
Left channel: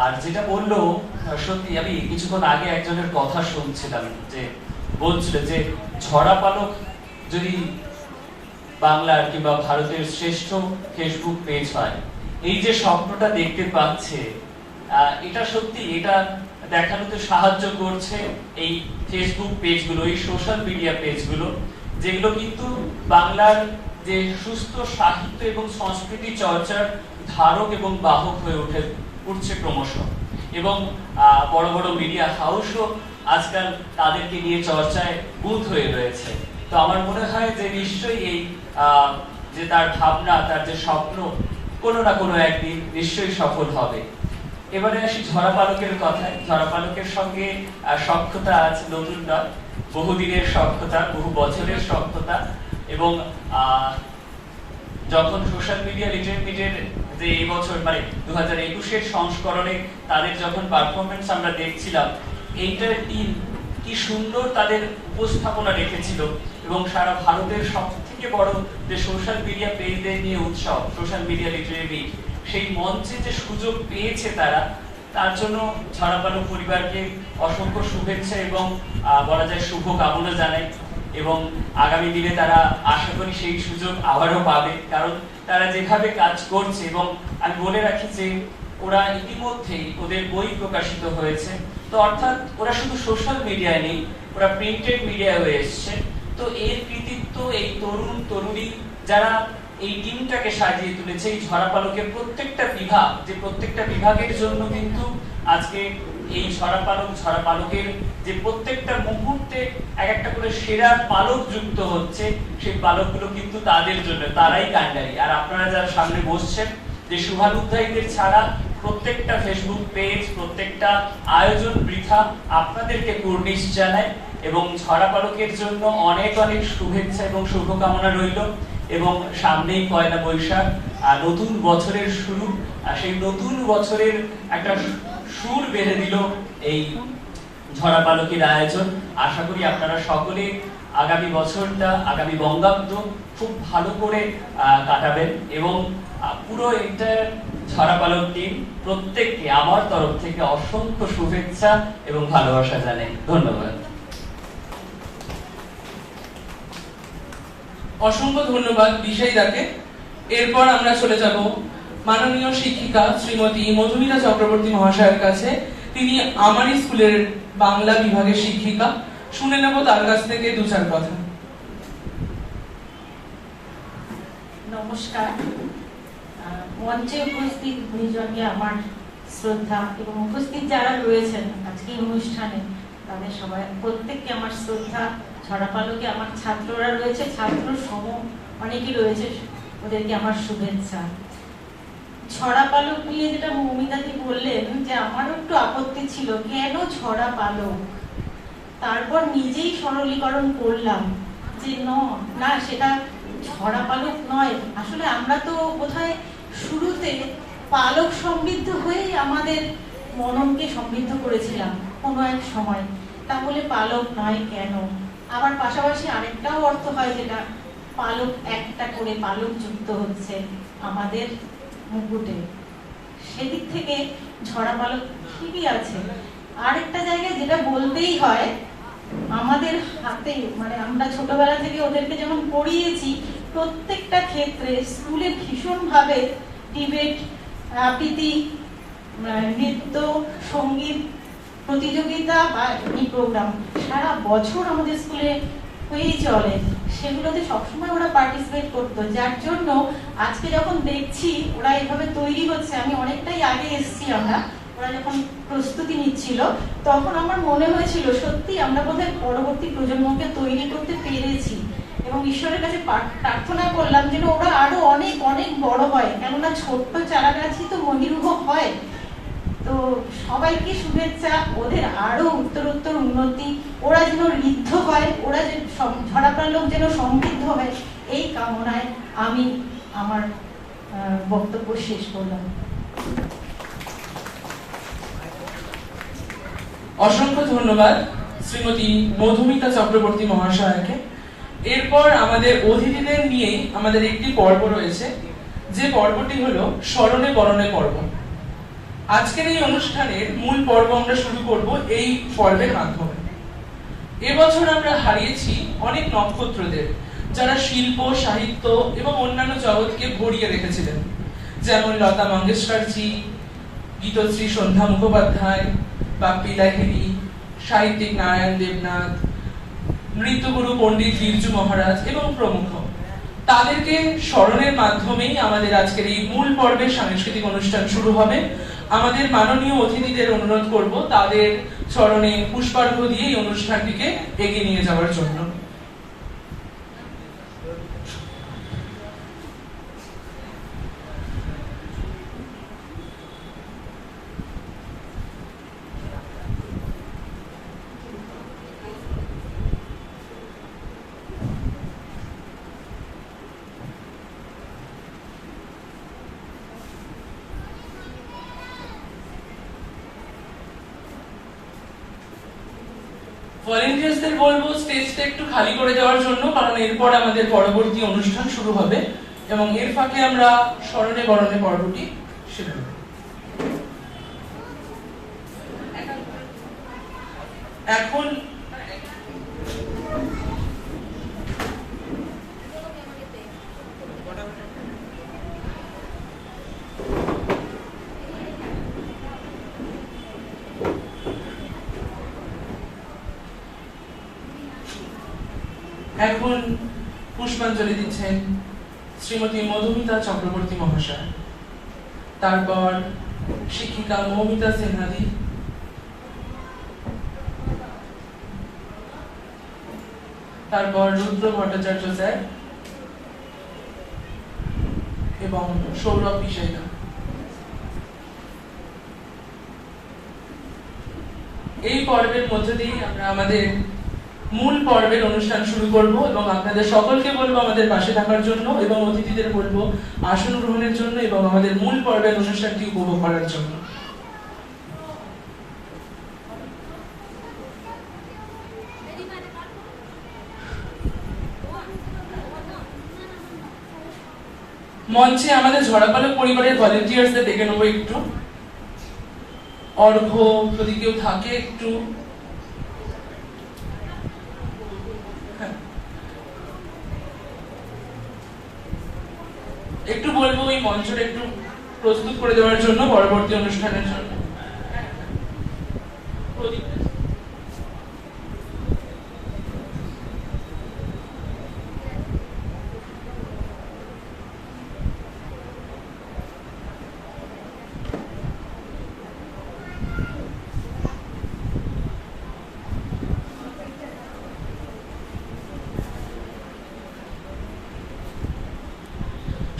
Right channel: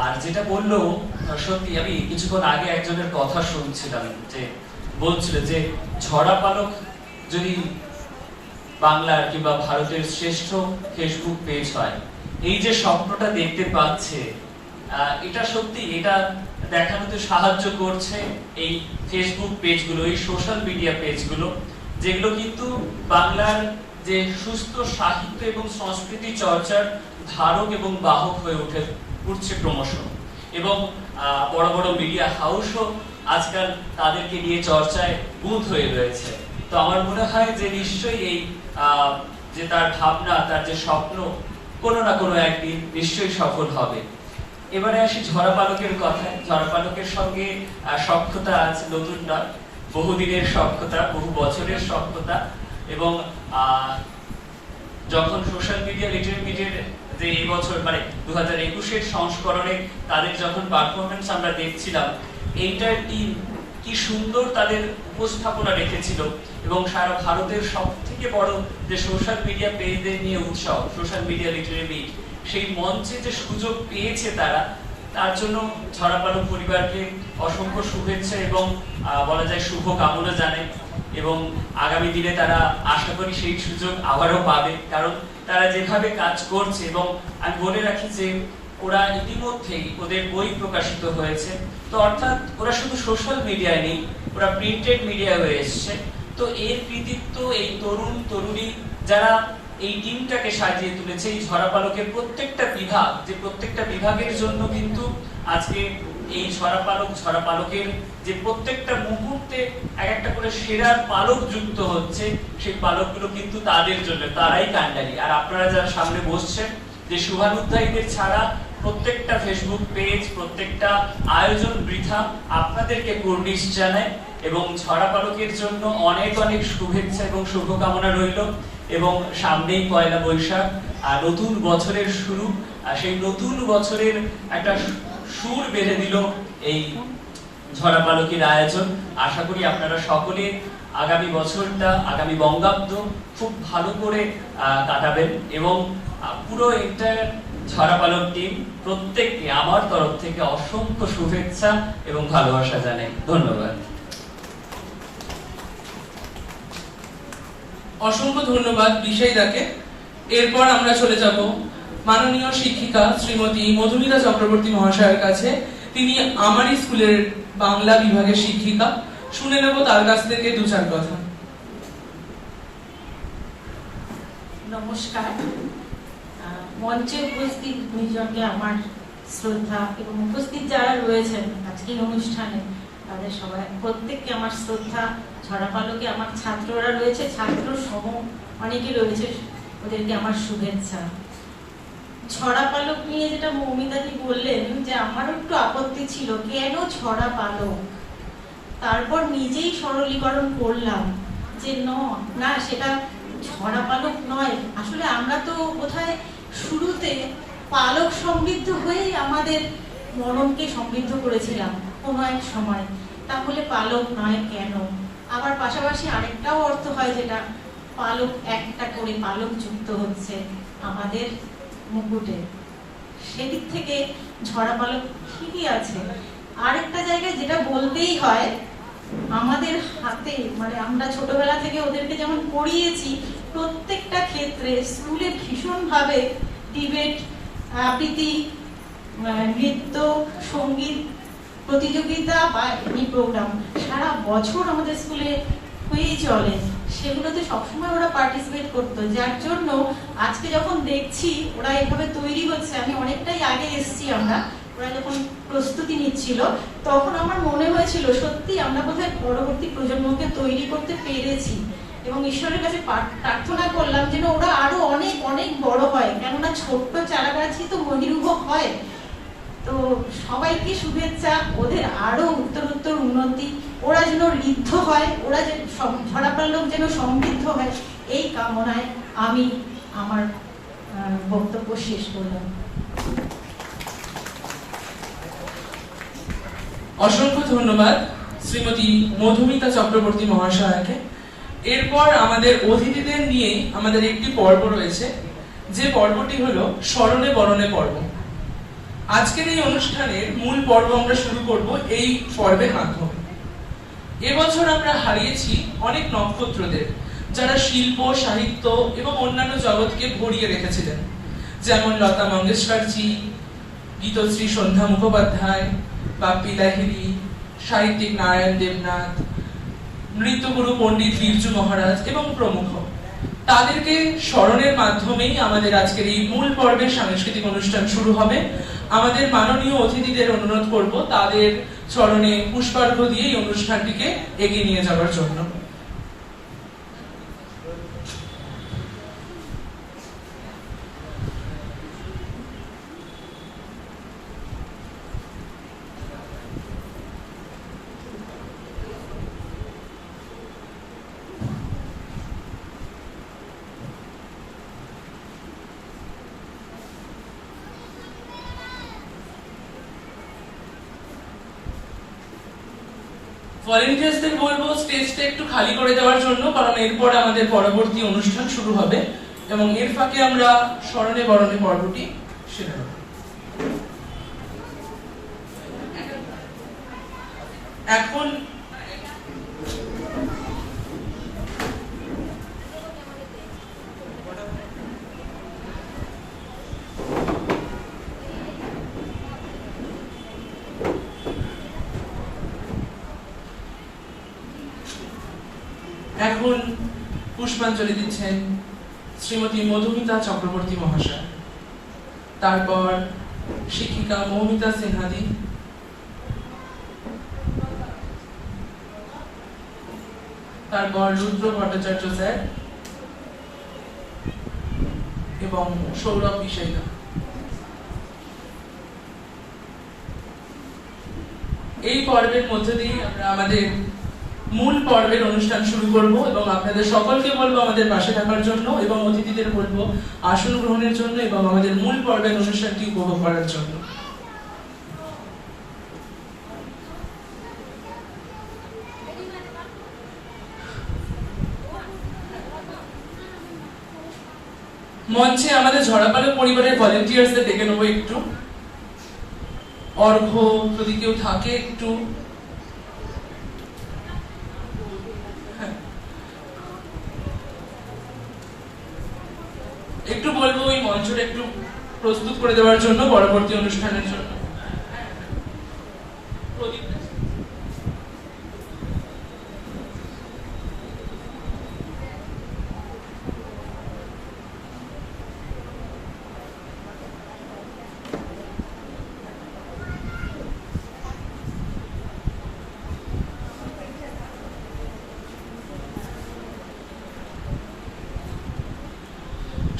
আর যেটা বললো, সত্যি আমি কিছুক্ষণ আগে একজনের কথা শুনছিলাম যে বলছিল যে ঝরা পালক যদি বাংলার কিংবা ভারতের শ্রেষ্ঠ ফেসবুক পেজ হয়, এই যে স্বপ্নটা দেখতে পাচ্ছে, এটা সত্যি, এটা দেখানোতে সাহায্য করছে এই ফেসবুক পেজগুলো, এই সোশ্যাল মিডিয়া পেজগুলো, যেগুলো কিন্তু বাংলার যে সুস্থ সাহিত্য এবং সংস্কৃতি চর্চার ধারক এবং বাহক হয়ে উঠছে ক্রমশ। এবং বড় বড় মিডিয়া হাউসও আজকাল তাদেরকে নিয়ে চর্চায় বুঁদ হয়ে রয়েছে। তো আমার মনে হয় যে নিশ্চয়ই এই যে তার ভাবনা, তার যে স্বপ্ন কোনো না কোনো একদিন নিশ্চয়ই সফল হবে। এবারে আসি ঝরা পালকের কথায়। ঝরা পালকের সঙ্গে সখ্যতা আছে নতুন নয়, বহুদিনের সখ্যতা, বহু বছরের সখ্যতা। এবং যখন সোশ্যাল মিডিয়া লিটারেমিটের যে এই বছর মানে 2021-এর সংস্করণে তাদের যখন পারফরমেন্স আমরা দেখছিলাম, এইটার টিম কি সুন্দর তাদের উপস্থাপনা রেখেছিল। এবং সারা ভারতের সব থেকে বড় যে সোশ্যাল মিডিয়া পেজদের নিয়ে উৎসব, সোশ্যাল মিডিয়া লিটারেমিট, সেই মঞ্চে যে সুযোগ পেয়েছে তারা, তার জন্য ঝরা পালক পরিবারকে অসংখ্য শুভেচ্ছা এবং বলা যায় শুভ কামনা জানাই। এবং আগামী দিনে তারা আশা করি সেই সুযোগ আবারও পাবে, কারণ তারা যেভাবে কাজ করছে। এবং আমি বলে রাখি যে ওরা ইতিমধ্যেই ওদের বই প্রকাশিত হয়েছে। তো অর্থাৎ ওরা শুধু সোশ্যাল মিডিয়া নেই, ওরা প্রিন্টেড মিডিয়া হয়ে এসছে। তো এর কৃতিত্ব এই তরুণ তরুণী যারা এই টিমটাকে সাজিয়ে তুলেছে, এই ঝরা পালকের প্রত্যেকটা বিভাগ, যে প্রত্যেকটা বিভাগের জন্য কিন্তু আজকে এই ঝরা পালকের যে প্রত্যেকটা মুহূর্তে এক একটা করে সেরা পালক যুক্ত হচ্ছে, সেই পালকগুলো কিন্তু তাদের জন্য, তারাই কান্ডারি। আর আপনারা যারা সামনে বসছেন, যে শুভানুধ্যায়ীদের ছাড়া প্রত্যেকটা ফেসবুক পেজ, প্রত্যেকটা আয়োজন বৃথা। আপনাদেরকে কুর্নিশ জানায় এবং ঝরা পালকের জন্য অনেক অনেক শুভেচ্ছা এবং শুভকামনা রইল। এবং সামনেই পয়লা বৈশাখ, নতুন বছরের শুরু, সেই নতুন বছরের একটা সুর বেঁধে দিল এই ঝরা পালকের আয়োজন। আশা করি আপনারা সকলে আগামী বছরটা, আগামী বঙ্গাব্দ খুব ভালো করে কাটাবেন। এবং পুরো এটা ঝরা পালক টিম প্রত্যেককে আমার তরফ থেকে অসংখ্য শুভেচ্ছা এবং ভালোবাসা জানাই। ধন্যবাদ। অসংখ্য ধন্যবাদ বিশাইদাকে। এরপর আমরা চলে যাব মাননীয় শিক্ষিকা শ্রীমতী মধুমিতা চক্রবর্তী মহাশয়ের কাছে। তিনি আমারই স্কুলের বাংলা বিভাগের শিক্ষিকা। শুনে নেব তার কাছ থেকে দু চার কথা। নমস্কার। মঞ্চে উপস্থিত গুণীজনকে আমার শ্রদ্ধা এবং উপস্থিত যারা রয়েছেন আজকের অনুষ্ঠানে তাদের সবাই প্রত্যেককে আমার শ্রদ্ধা। ঝরা পালকে আমার ছাত্ররা রয়েছে, ছাত্র সম অনেকে রয়েছে, ওদেরকে আমার শুভেচ্ছা। ঝরা পালক নিয়ে যেটা মৌমিতাদি বললেন, যে আমারও একটু আপত্তি ছিল, কেন ঝরা পালক। তারপর নিজেই সরলীকরণ করলাম যে না, সেটা ঝরা পালক নয়। আসলে আমরা তো বোধহয় শুরুতে পালক সমৃদ্ধ হয়েই আমাদের মননকে সমৃদ্ধ করেছিলাম কোনো এক সময়, তাহলে পালক নয় কেন। আবার পাশাপাশি আরেকটাও অর্থ হয়, যেটা পালক একটা করে পালক যুক্ত হচ্ছে আমাদের মুকুটে, সেদিক থেকে ঝরা পালক ঠিকই আছে। আরেকটা জায়গায় যেটা বলতেই হয়, আমাদের হাতে মানে আমরা ছোটবেলা থেকে ওদেরকে যেমন পড়িয়েছি, প্রত্যেকটা ক্ষেত্রে স্কুলে ভীষণভাবে ডিবেট, আবৃত্তি, নৃত্য, সঙ্গীত প্রতিযোগিতা বা এমনি প্রোগ্রাম সারা বছর আমাদের স্কুলে হয়েই চলে। সেগুলোতে সবসময় ওরা পার্টিসিপেট করতো, যার জন্য আজকে যখন দেখছি ওরা এইভাবে তৈরি হচ্ছে, আমি অনেকটাই আগে এসেছি, আমরা ওরা যখন প্রস্তুতি নিচ্ছিল, তখন আমার মনে হয়েছিল সত্যি আমরা বোধহয় পরবর্তী প্রজন্মকে তৈরি করতে পেরেছি, এবং ঈশ্বরের কাছে প্রার্থনা করলাম যেন ওরা আরো অনেক অনেক বড় হয়, কেননা ছোট্ট চারা গাছই তো মহিরুহ হয়। তো সবাইকে শুভেচ্ছা, ওদের আরো উত্তরোত্তর উন্নতি, ওরা যেন ঋদ্ধ হয়, ওরা যেন ঝরাপালক যেন সমৃদ্ধ হয়, এই কামনায় আমি আমার বক্তব্য শেষ করলাম। অসংখ্য ধন্যবাদ শ্রীমতী মধুমিতা চক্রবর্তী মহাশয়াকে। এরপর আমাদের অতিথিদের নিয়েই আমাদের একটি পর্ব রয়েছে, যে পর্বটি হলো স্মরণে বরণে পর্ব। আজকের এই অনুষ্ঠানের মূল পর্ব আমরা শুরু করব এই পর্বের মাধ্যমে। এবছর আমরা হারিয়েছি অনেক নক্ষত্রদের, যারা শিল্প, সাহিত্য এবং অন্যান্য জগৎকে ভরিয়ে রেখেছিলেন, যেমন লতা মঙ্গেশকরজি, গীতশ্রী সন্ধ্যা মুখোপাধ্যায়, বাপ্পি লাহিড়ী, সাহিত্যিক নারায়ণ দেবনাথ, নৃত্যগুরু পণ্ডিত বিরজু মহারাজ এবং প্রমুখ। তাদেরকে স্মরণের মাধ্যমেই আমাদের আজকের এই মূল পর্বের সাংস্কৃতিক অনুষ্ঠান শুরু হবে। আমাদের মাননীয় অতিথিদের অনুরোধ করব তাদের চরণে পুষ্পার্ঘ্য দিয়ে এই অনুষ্ঠানটিকে এগিয়ে নিয়ে যাওয়ার জন্য। ভলেন্টিয়ার্সদের বলবো স্টেজটা একটু খালি করে দেওয়ার জন্য, কারণ এরপর আমাদের পরবর্তী অনুষ্ঠান শুরু হবে এবং এর ফাঁকে আমরা স্মরণে বরণে পর্বটি সেরে নেব। এখন এখন পুষ্পাঞ্জলি দিচ্ছেন শ্রীমতী মধুমিতা চক্রবর্তী মহাশয়, তারপর শিক্ষিকা মৌমিতা সিনহাদি, তারপর রুদ্র ভট্টাচার্য স্যার এবং সৌরভ বিষয়িকা। এই পর্বের মধ্যে দিয়ে আমরা আমাদের মূল পর্বের অনুষ্ঠান শুরু করব এবং আপনাদের সকলকে বলবো আমাদের পাশে থাকার জন্য এবং অতিথিদের বলবো আসন গ্রহণের জন্য এবং আমাদের মূল পর্বের অনুষ্ঠানটি উপভোগ করার জন্য। মঞ্চে আমাদের ঝরাপালক পরিবারের ভলেন্টিয়ার্সদের ডেকে নেবো একটু। অর্ঘ্য যদি কেউ থাকে একটু, একটু বলবো ওই মঞ্চটা একটু প্রস্তুত করে দেওয়ার জন্য পরবর্তী অনুষ্ঠানের জন্য।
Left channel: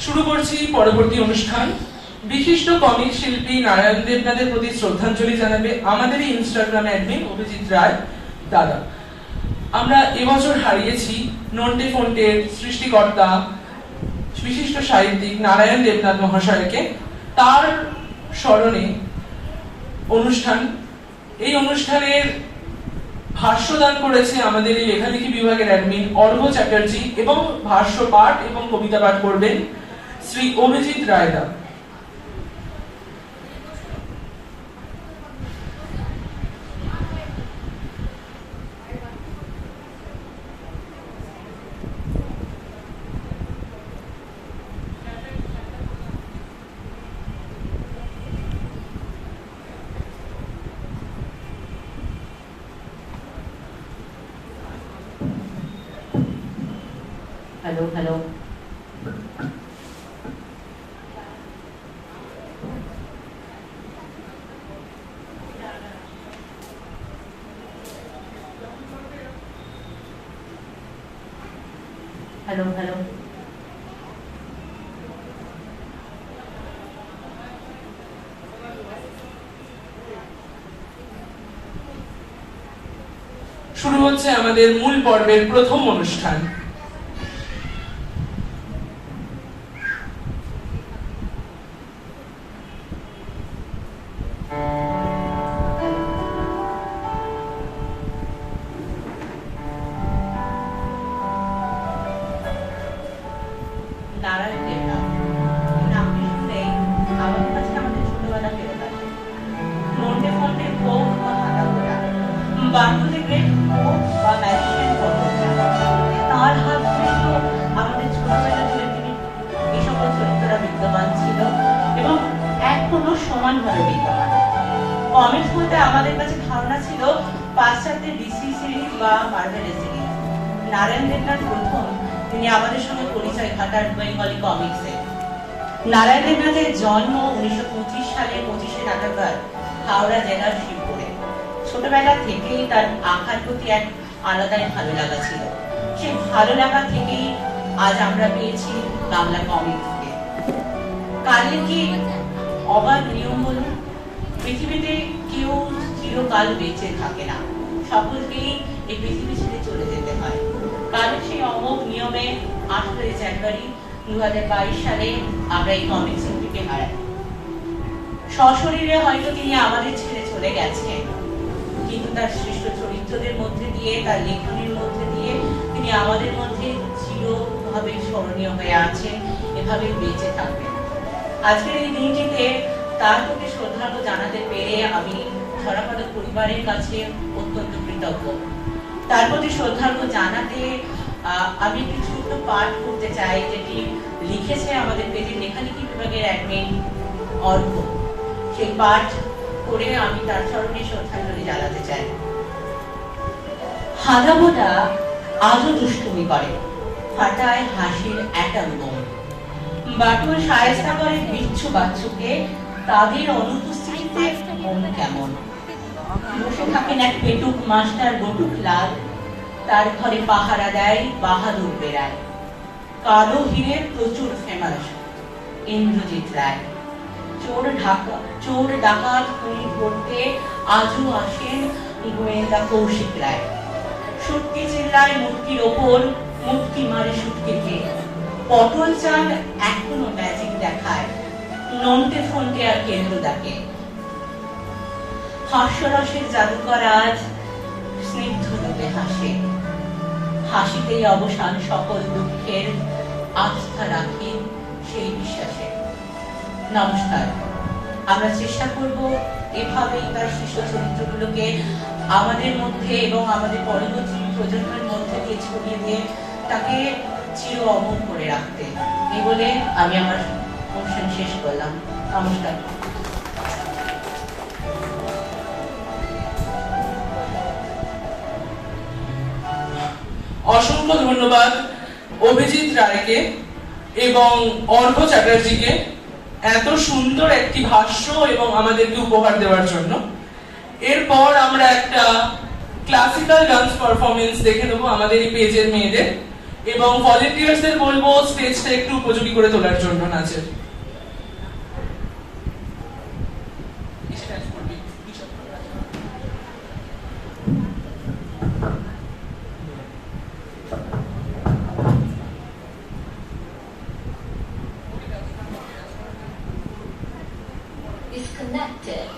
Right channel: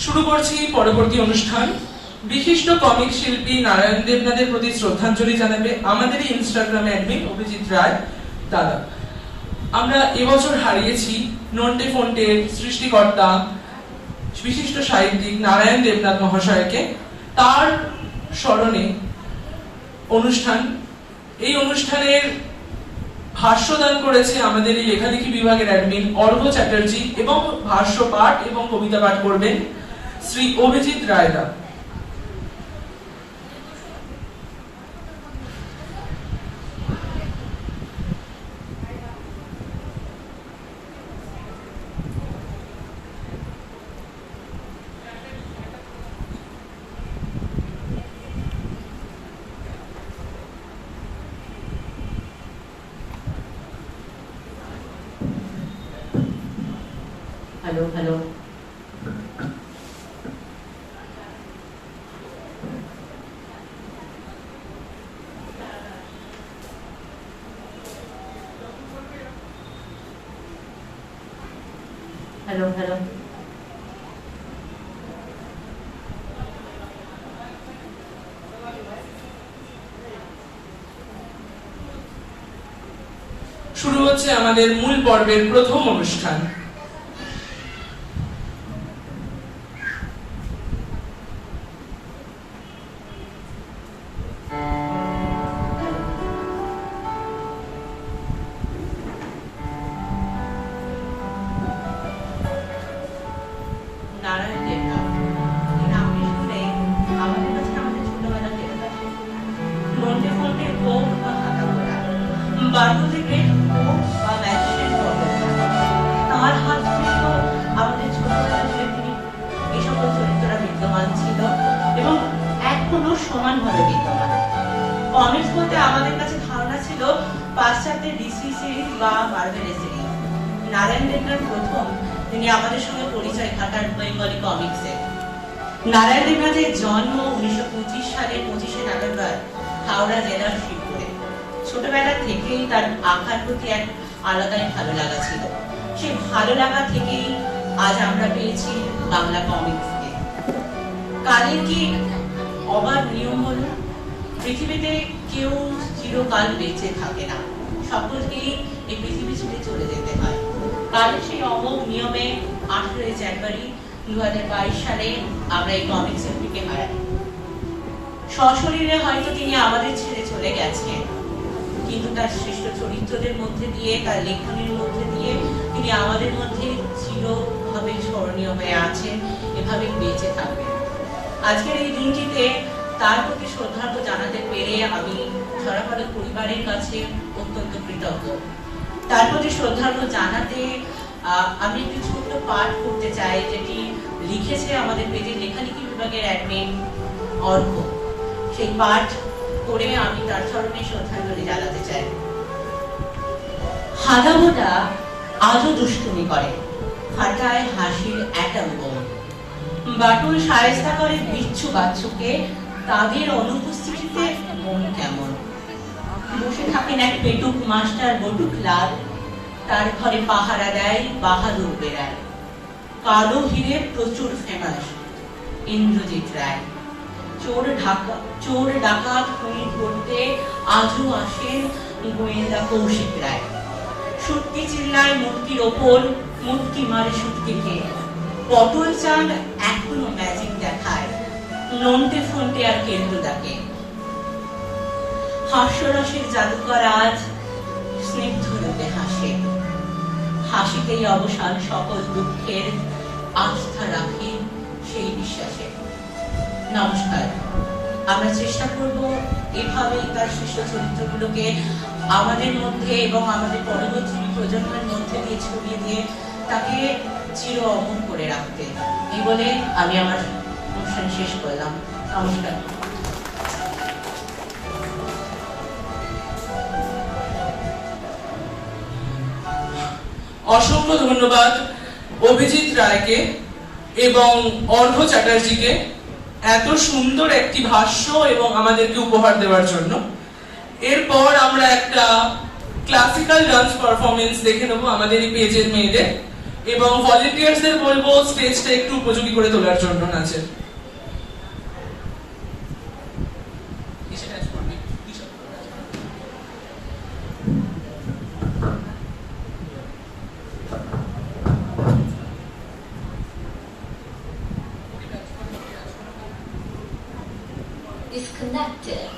শুরু করছি পরবর্তী অনুষ্ঠান। বিশিষ্ট কমিক শিল্পী নারায়ণ দেবনাথের প্রতি শ্রদ্ধাঞ্জলি জানাবে আমাদেরই ইনস্টাগ্রাম অ্যাডমিন অভিজিৎ রায় দাদা। আমরা এবছর হারিয়েছি নন্টে ফন্টের সৃষ্টিকর্তা, বিশিষ্ট সাহিত্যিক নারায়ণ দেবনাথ মহাশয়কে। তার স্মরণে অনুষ্ঠান, এই অনুষ্ঠানের ভাষ্যদান করেছে আমাদের এই লেখালেখি বিভাগের অ্যাডমিন অর্ঘ্য চ্যাটার্জি এবং ভাষ্য পাঠ এবং কবিতা পাঠ করবেন শ্রী অভিজিৎ রায়দা। Hello hello, hello hello. শুরু হচ্ছে আমাদের মূল পর্বের প্রথম অনুষ্ঠান। নারায়ণ দেবনাথ এই নামটি শুনে আমাদের কাছে আমাদের ছোটবেলা ফেরত আসে। নন্টে ফন্টে কোপ বা হাতা গোড়া, বারুদে গ্রেট কোপ বা ম্যাজিস্ট্রেট পর্বত, তার হাত ধরে তো আমাদের ছোটবেলা জুড়ে তিনি এই সকল চরিত্ররা বিদ্যমান ছিল এবং এখনো সমানভাবে বিদ্যমান। কমিক্স বলতে আমাদের কাছে ধারণা ছিল পাশ্চাত্যের ডিসি সিরিজ বা মার্ভেলের সিরিজ। নারায়ণ দেবনাথ প্রথম তিনি আমাদের সঙ্গে পরিচয় ঘটার বেঙ্গলি কমিক্সে। নারায়ণ দেবনাথের জন্ম 1925 সালের 25শে নভেম্বর হাওড়া জেলার শিবপুরে। ছোটবেলা থেকেই তার আঁকার প্রতি এক আলাদাই ভালো লাগা ছিল। সেই ভালো লাগা থেকেই আজ আমরা পেয়েছি বাংলা কমিক্সকে। কালের কি অবাধ নিয়ম হলো, পৃথিবীতে কেউ চিরকাল বেঁচে থাকে না, সকলকেই এই পৃথিবী ছেড়ে চলে যেতে হয়। কারণ সেই অমোঘ নিয়মে 18 জানুয়ারি 2022 সালে আমরা এই কমিক শিল্পীকে হারাই। সশরীরে হয়তো তিনি আমাদের ছেড়ে চলে গেছেন, কিন্তু তার শ্রেষ্ঠ চরিত্রদের মধ্যে দিয়ে, তার লেখনের মধ্যে দিয়ে তিনি আমাদের মধ্যে চিরভাবে স্মরণীয় হয়ে আছেন, এভাবে বেঁচে থাকবেন। আজকের এই দিনটিতে তার প্রতি শ্রদ্ধার্ঘ্য জানাতে পেরে আমি ঝরাপালক পরিবারের কাছে অত্যন্ত কৃতজ্ঞ। তার প্রতি শ্রদ্ধার্ঘ্য জানাতে আমি একটি ছোট্ট পাঠ করতে চাই, যেটি লিখেছে আমাদের পেজের লেখালেখি বিভাগের অ্যাডমিন অর্ঘ। সেই পাঠ করে আমি তার চরণে শ্রদ্ধাঞ্জলি জানাতে চাই। হাদামোটা আজও দুষ্টুমি করে, ফাটায় হাসির অ্যাটম বোম। বাটুল শায়েস্তা করে বিচ্ছু বাচ্চুকে, তাদের অনুপস্থিতিতে মন কেমন। বসে থাকেন এক পেটুক মাস্টার বটুক লাল, তার ঘরে পাহারা দেয় বাহাদুর বেড়াল। কালো হিরে প্রচুর ফেমাস ইন্দ্রজিৎ রায়। চোর ডাকাত খুনি করতে আজও আসেন গোয়েন্দা কৌশিক রায়। সুটকি চিল্লায় মূর্তির ওপর, মূর্তি মারে সুটকিকে। পটল চাঁদ এখনো ম্যাজিক দেখায়, নন্টে ফন্টে আর কেন্দ্র ডাকে। হাস্যরসের জাদুকর আজ স্নিগ্ধ রূপে হাসে, হাসিতেই অবসান সকল দুঃখের, আস্থা রাখি সেই বিশ্বাসে। নমস্কার। আমরা চেষ্টা করব এভাবেই তার শ্রেষ্ঠ চরিত্রগুলোকে আমাদের মধ্যে এবং আমাদের পরবর্তী প্রজন্মের মধ্যে দিয়ে ছড়িয়ে দিয়ে তাকে চির অমর করে রাখতে। এই বলে আমি আমার অনুষ্ঠান শেষ করলাম। নমস্কার। অসংখ্য ধন্যবাদ অভিজিৎ রায়কে এবং অর্ঘ চ্যাটার্জিকে এত সুন্দর একটি ভাষ্য এবং আমাদেরকে উপহার দেওয়ার জন্য। এরপর আমরা একটা ক্লাসিক্যাল ডান্স পারফরমেন্স দেখে নেবো আমাদের এই পেজের মেয়েদের, এবং ভলেন্টিয়ার্সদের বলবো স্টেজটা একটু উপযোগী করে তোলার জন্য নাচে। Disconnected.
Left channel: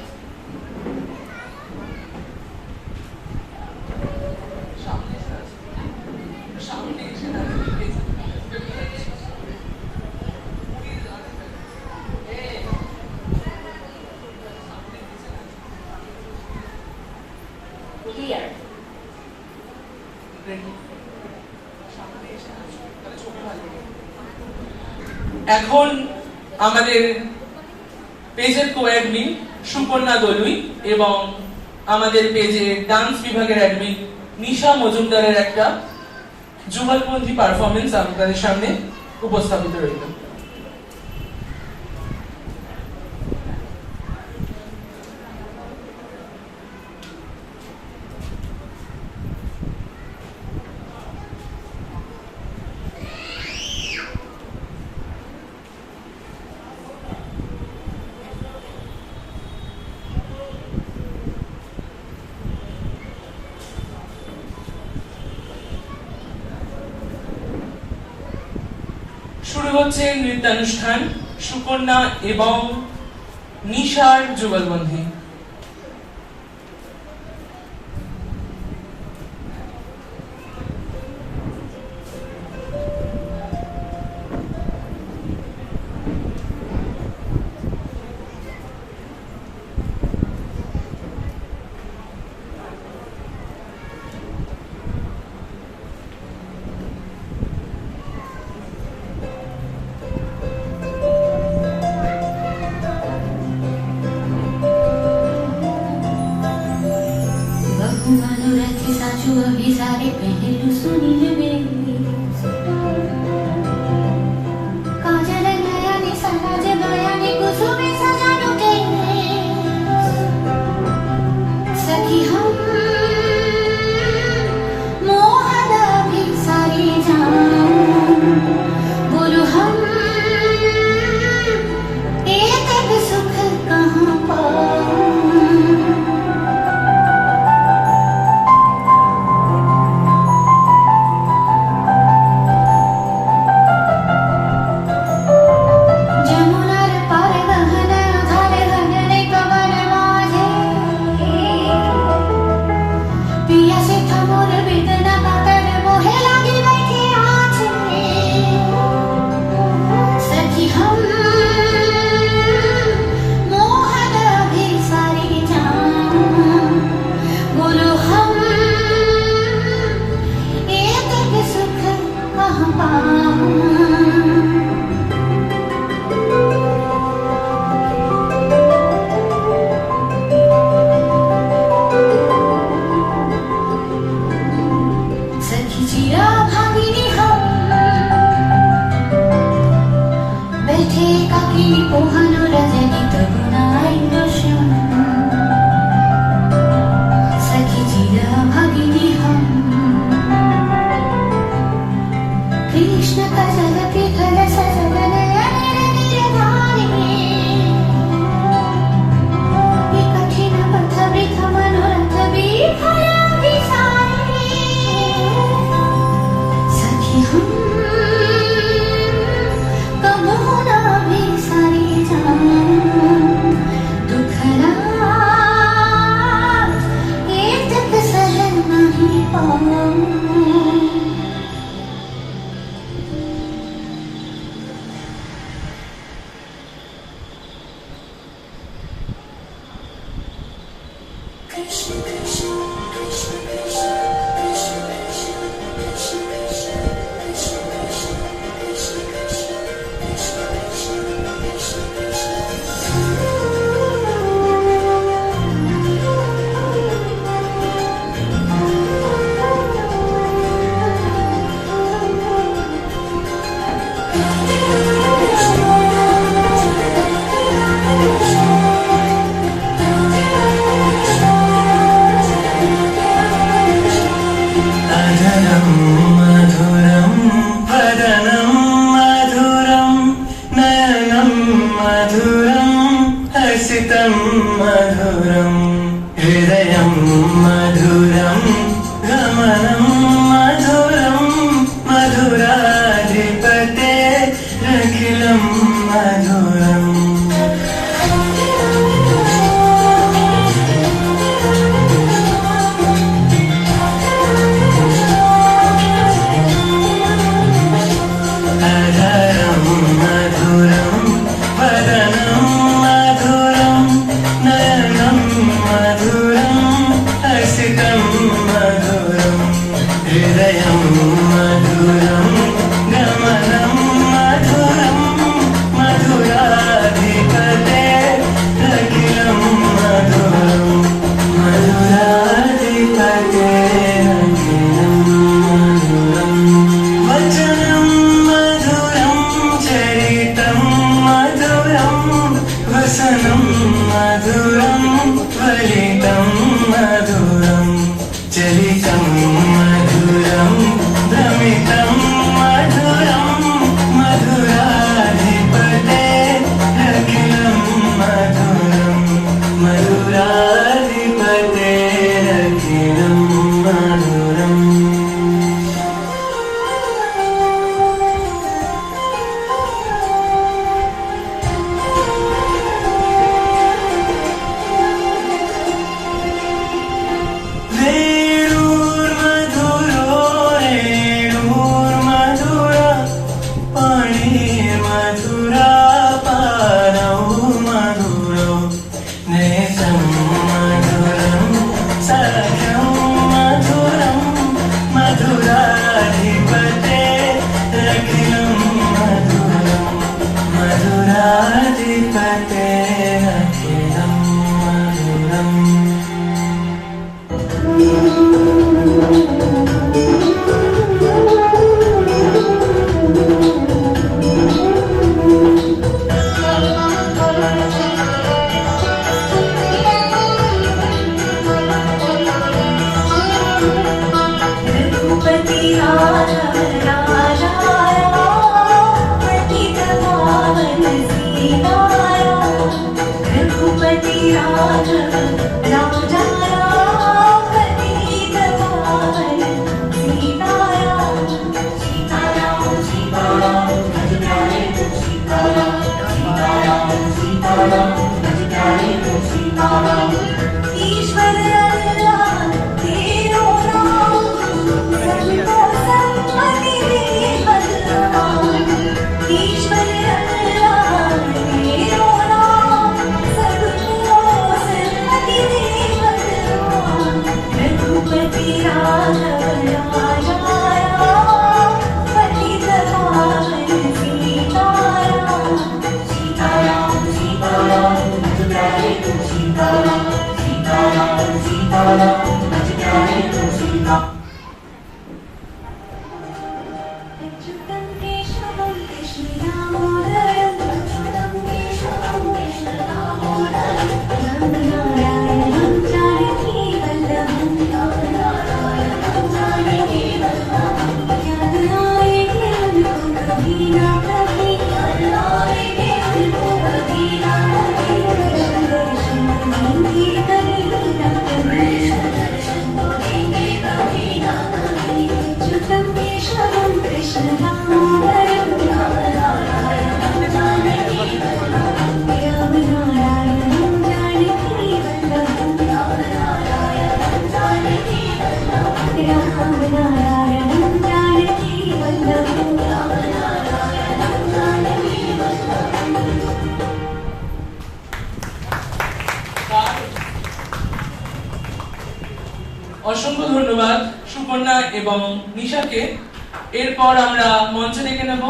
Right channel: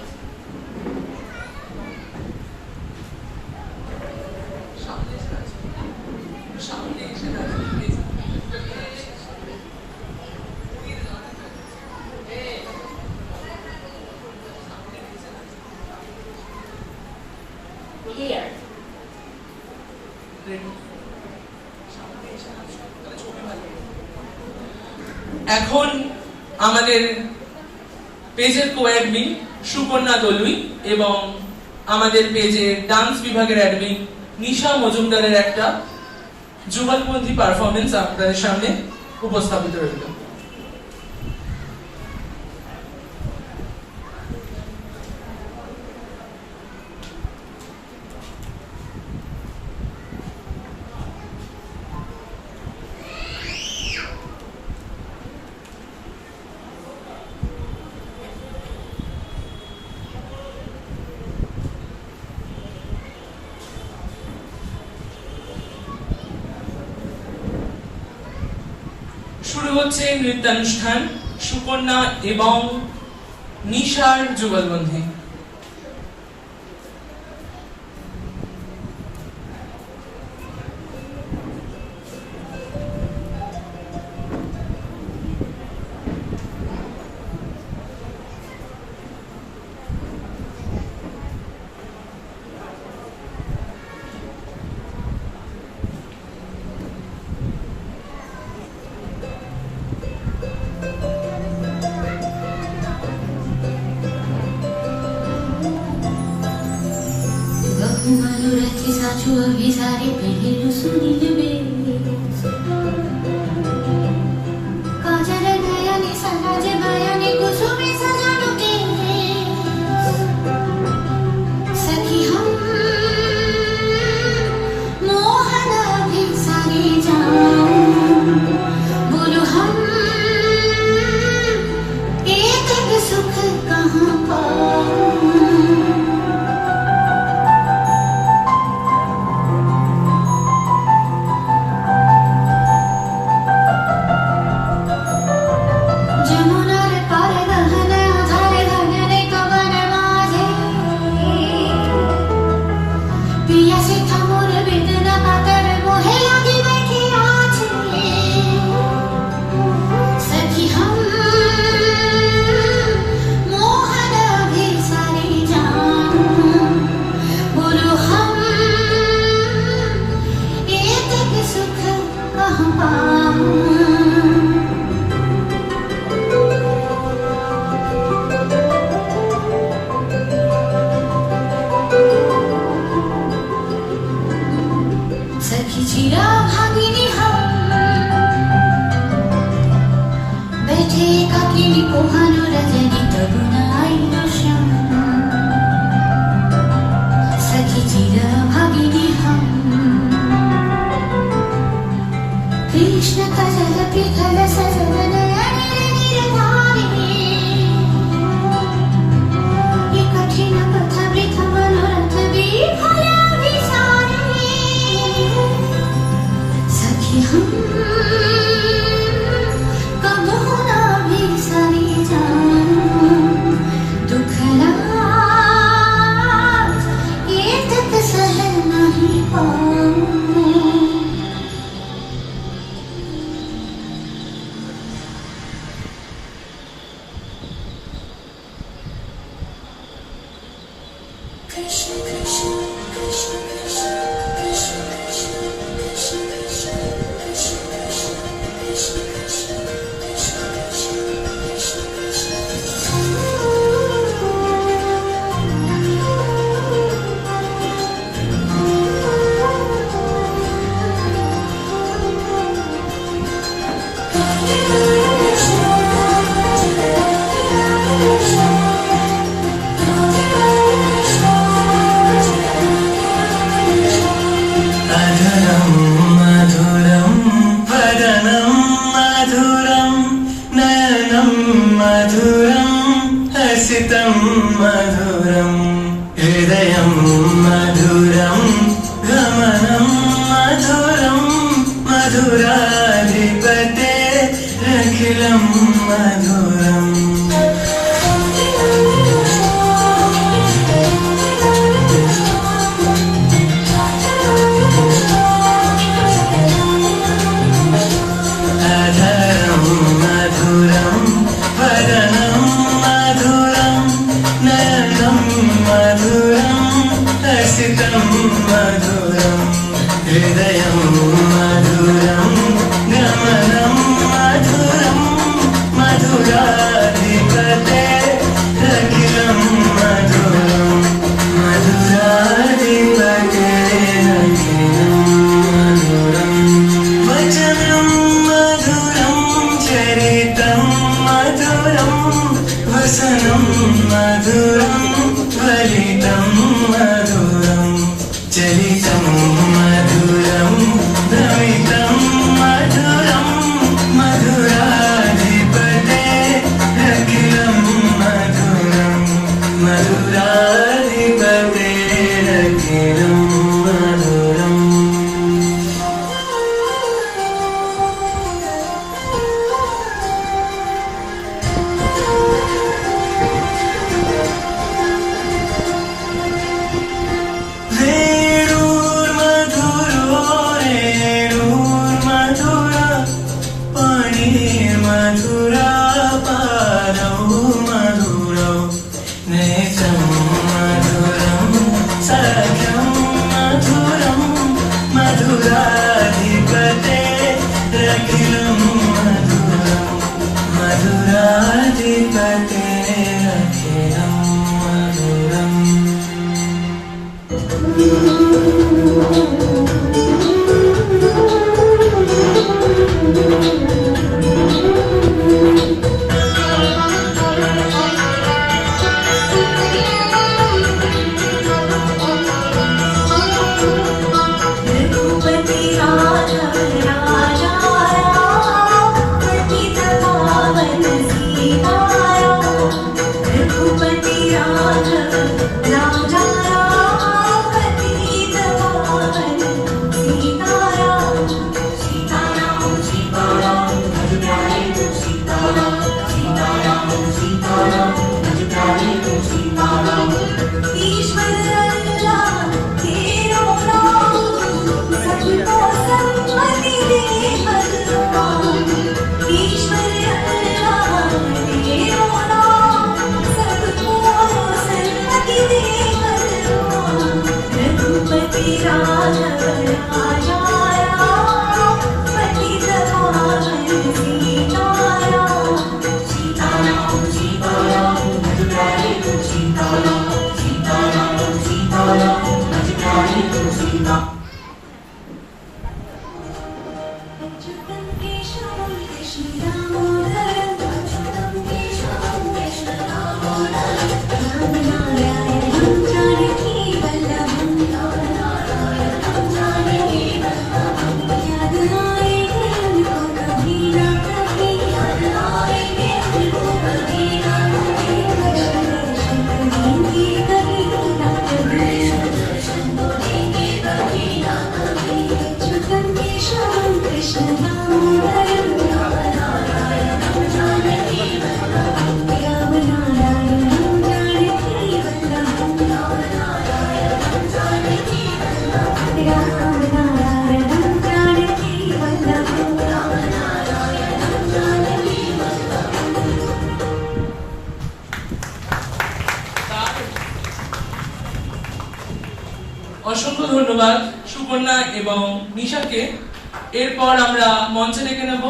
Here. এখন আমাদের পেজের কোঅ্যাডমিন সুপর্ণা দলুই এবং আমাদের পেজের ডান্স বিভাগের অ্যাডমিন নিশা মজুমদারের একটা যুগলপন্থী পারফরমেন্স আপনাদের সামনে উপস্থাপিত রইল। শুরু হচ্ছে নৃত্যানুষ্ঠান সুকন্যা এবং নিশার যুগলবন্দী। मनोरथ साचो अभी सारे पहलू सुनी ले काजल नया ने समाज माया ने कुसुमे सजानो के सखी हम मोहन अभी सारे जाऊं गुरु हम एक सुख कहाँ पाऊं অসংখ্য ধন্যবাদ সুকন্যা এবং নিশাকে। এরপর আমরা মঞ্চে ডেকে নেব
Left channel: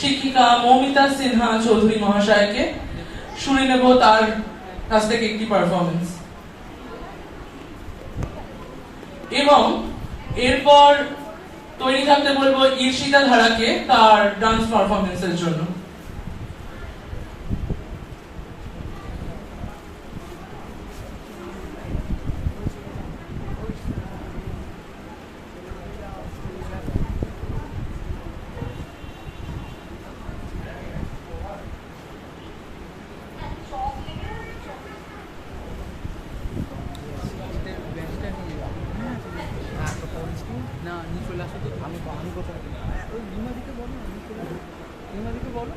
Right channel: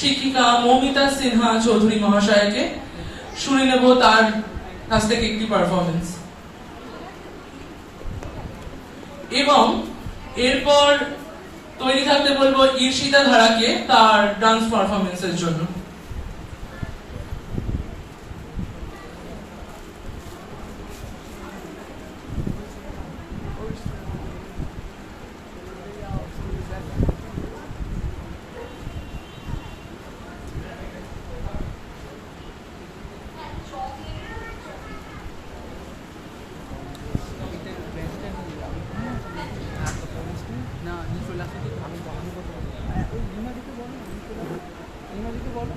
শিক্ষিকা মৌমিতা সিনহা চৌধুরী মহাশয়কে। শুনে নেব তার কাছ থেকে একটি পারফরমেন্স, এবং এরপর তৈরি থাকতে বলবো ঈর্ষিতা ধারাকে তার ডান্স পারফরমেন্সের জন্য। না নিয়ে চলে আসো তো, আমি ওই রিমাদিকে বলো, রিমাদিকে বলো।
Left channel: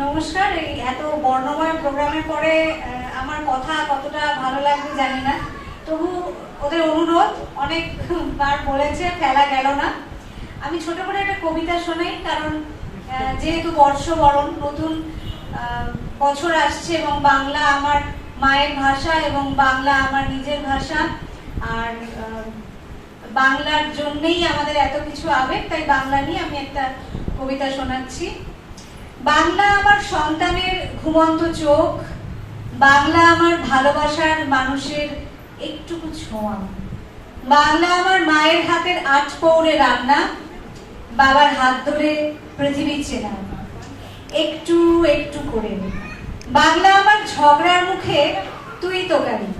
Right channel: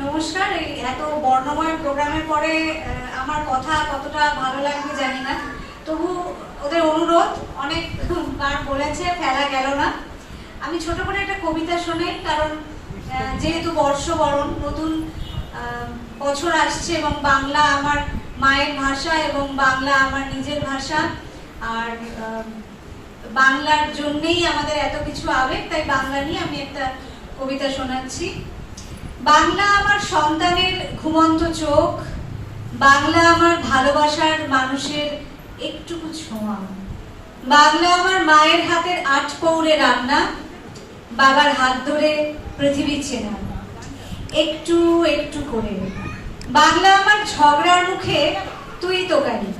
নমস্কার। এই এত বর্ণময় প্রোগ্রামের পরে আমার কথা কতটা ভালো লাগবে জানি না, তবু ওদের অনুরোধ অনেকবার বলেছে, ফেলা গেল না। আমি ছোট করে একটা কবিতা শোনাই, কারণ যেহেতু বর্ষবরণ, নতুন বছর আসছে এবং বাংলা আমার মায়ের ভাষা এবং বাংলা আমার নিজের ভাষা, আর বাংলার জন্যেই আমাদের এত কিছু আবেগ, তাই বাংলা নিয়ে আমি একটা কবিতা শোনাচ্ছি। বাংলা আমার সন্তানের ঘুমন্ত চোখ, বাংলা আমার ভালোবাসার মানুষের একটুকু ছোঁয়া, বাংলা আমার মায়ের হাতের 8 পৌরে রান্না, বাবার হাত ধরে পৃথিবী চেনা একটু একটু করে। বাংলা আমার ঝগড়ার মুখে তুই তোকারি,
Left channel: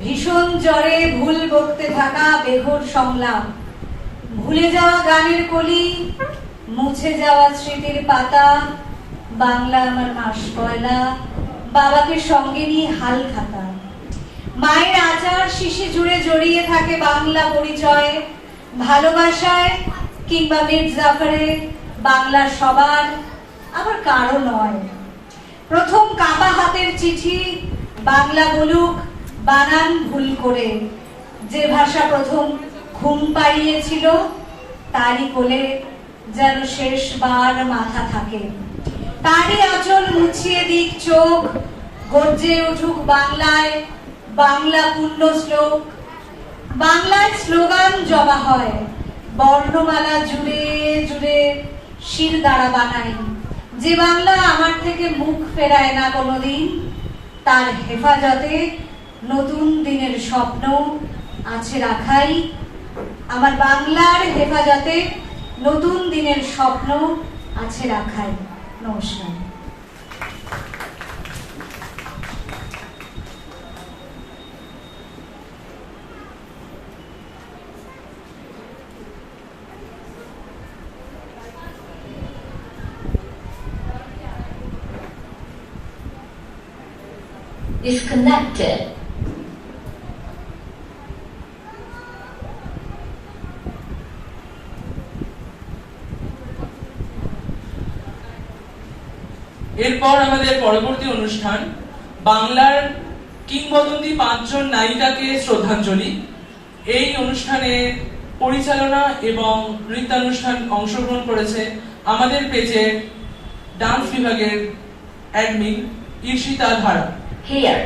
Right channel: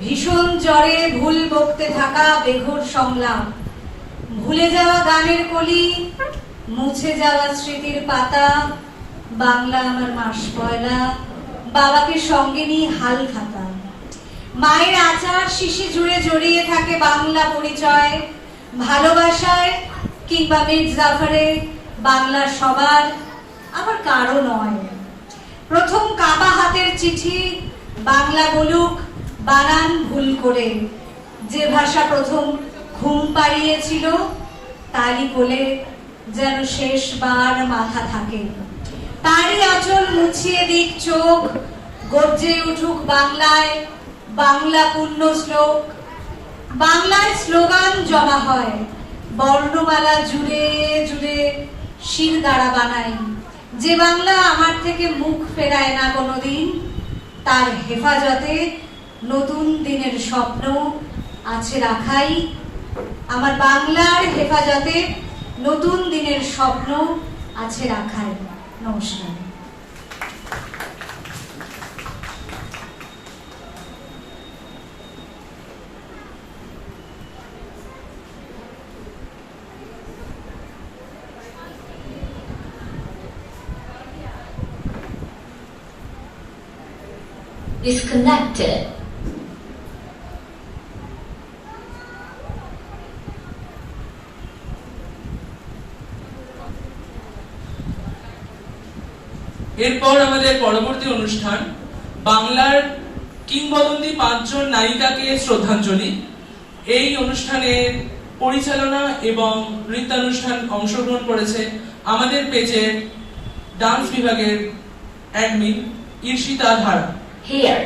ভীষণ জ্বরে ভুল বকতে থাকা বেঘোর সংলাপ, ভুলে যাওয়া গানের কলি, মুছে যাওয়া স্মৃতির পাতা। বাংলা আমার মাস পয়লা, বাবাকে সঙ্গে নিয়ে হাল খাতা, মায়ের আচার শিশি জুড়ে জড়িয়ে থাকে বাংলা পরিচয়, ভালোবাসায় কিংবা মির্জাফরে বাংলা সবার, আবার কারো নয়। প্রথম কাবা হাতের চিঠি বাংলা বলুক বানান ভুল করে, যে ভাষা প্রথম ঘুম পাড়িয়েছিল তারই কোলে যেন শেষবার মাথা থাকে, তারই আঁচল মুছিয়ে দিক চোখ, গর্জে উঠুক বাংলায় বাংলা পূর্ণ শ্লোক। বাংলায় স্লোগান জমা হয়, বর্ণমালা জুড়ে জুড়ে শিরদাঁড়া বানাই, যে বাংলা আমার থেকে মুখ ফেরায় না কোনোদিন, তার হেফাজতে নতুন দিনের স্বপ্ন আছে রাখাই। আমার বাংলার হেফাজতে নতুন দিনের স্বপ্ন আছে রাখাই। নমস্কার। Disconnected. এরপর আমাদের পরবর্তী অনুষ্ঠান বাংলার কিংবদন্তি 5 জন নায়িকাকে শ্রদ্ধাঞ্জলি। এই অনুষ্ঠানে পরিচালনা এবং নৃত্যানুষ্ঠান অংশগ্রহণ করেছে আমাদের পেজের ডান্স বিভাগের অ্যাডমিন ঈর্ষিতা ধারা। Here.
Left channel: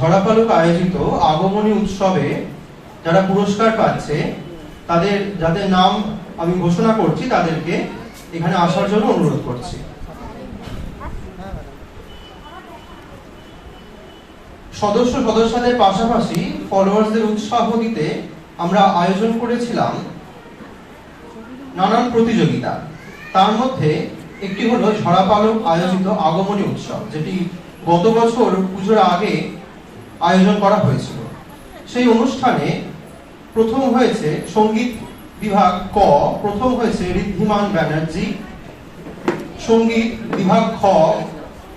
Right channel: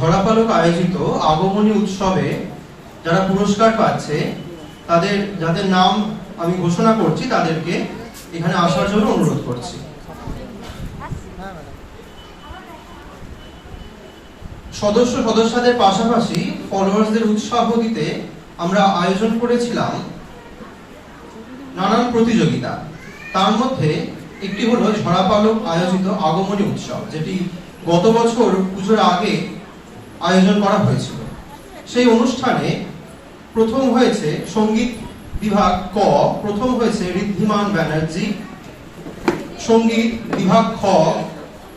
ঝড়াপালক আয়োজিত আগমনী উৎসবে যারা পুরস্কার পাচ্ছে তাদের যাদের নাম আমি ঘোষণা করছি তাদেরকে এখানে আসার জন্য অনুরোধ করছি। সদস্যদের পাশাপাশি ফলোয়ার্সদের উৎসাহ দিতে আমরা আয়োজন করেছিলাম নানান প্রতিযোগিতা। তার মধ্যে একটি হলো ঝড়াপালক আয়োজিত আগমনী উৎসব, যেটি গত বছর পুজোর আগে আয়োজন করা হয়েছিল। সেই অনুষ্ঠানে প্রথম হয়েছে সঙ্গীত বিভাগ ক, প্রথম হয়েছে ঋদ্ধিমান ব্যানার্জি। সঙ্গীত বিভাগ খ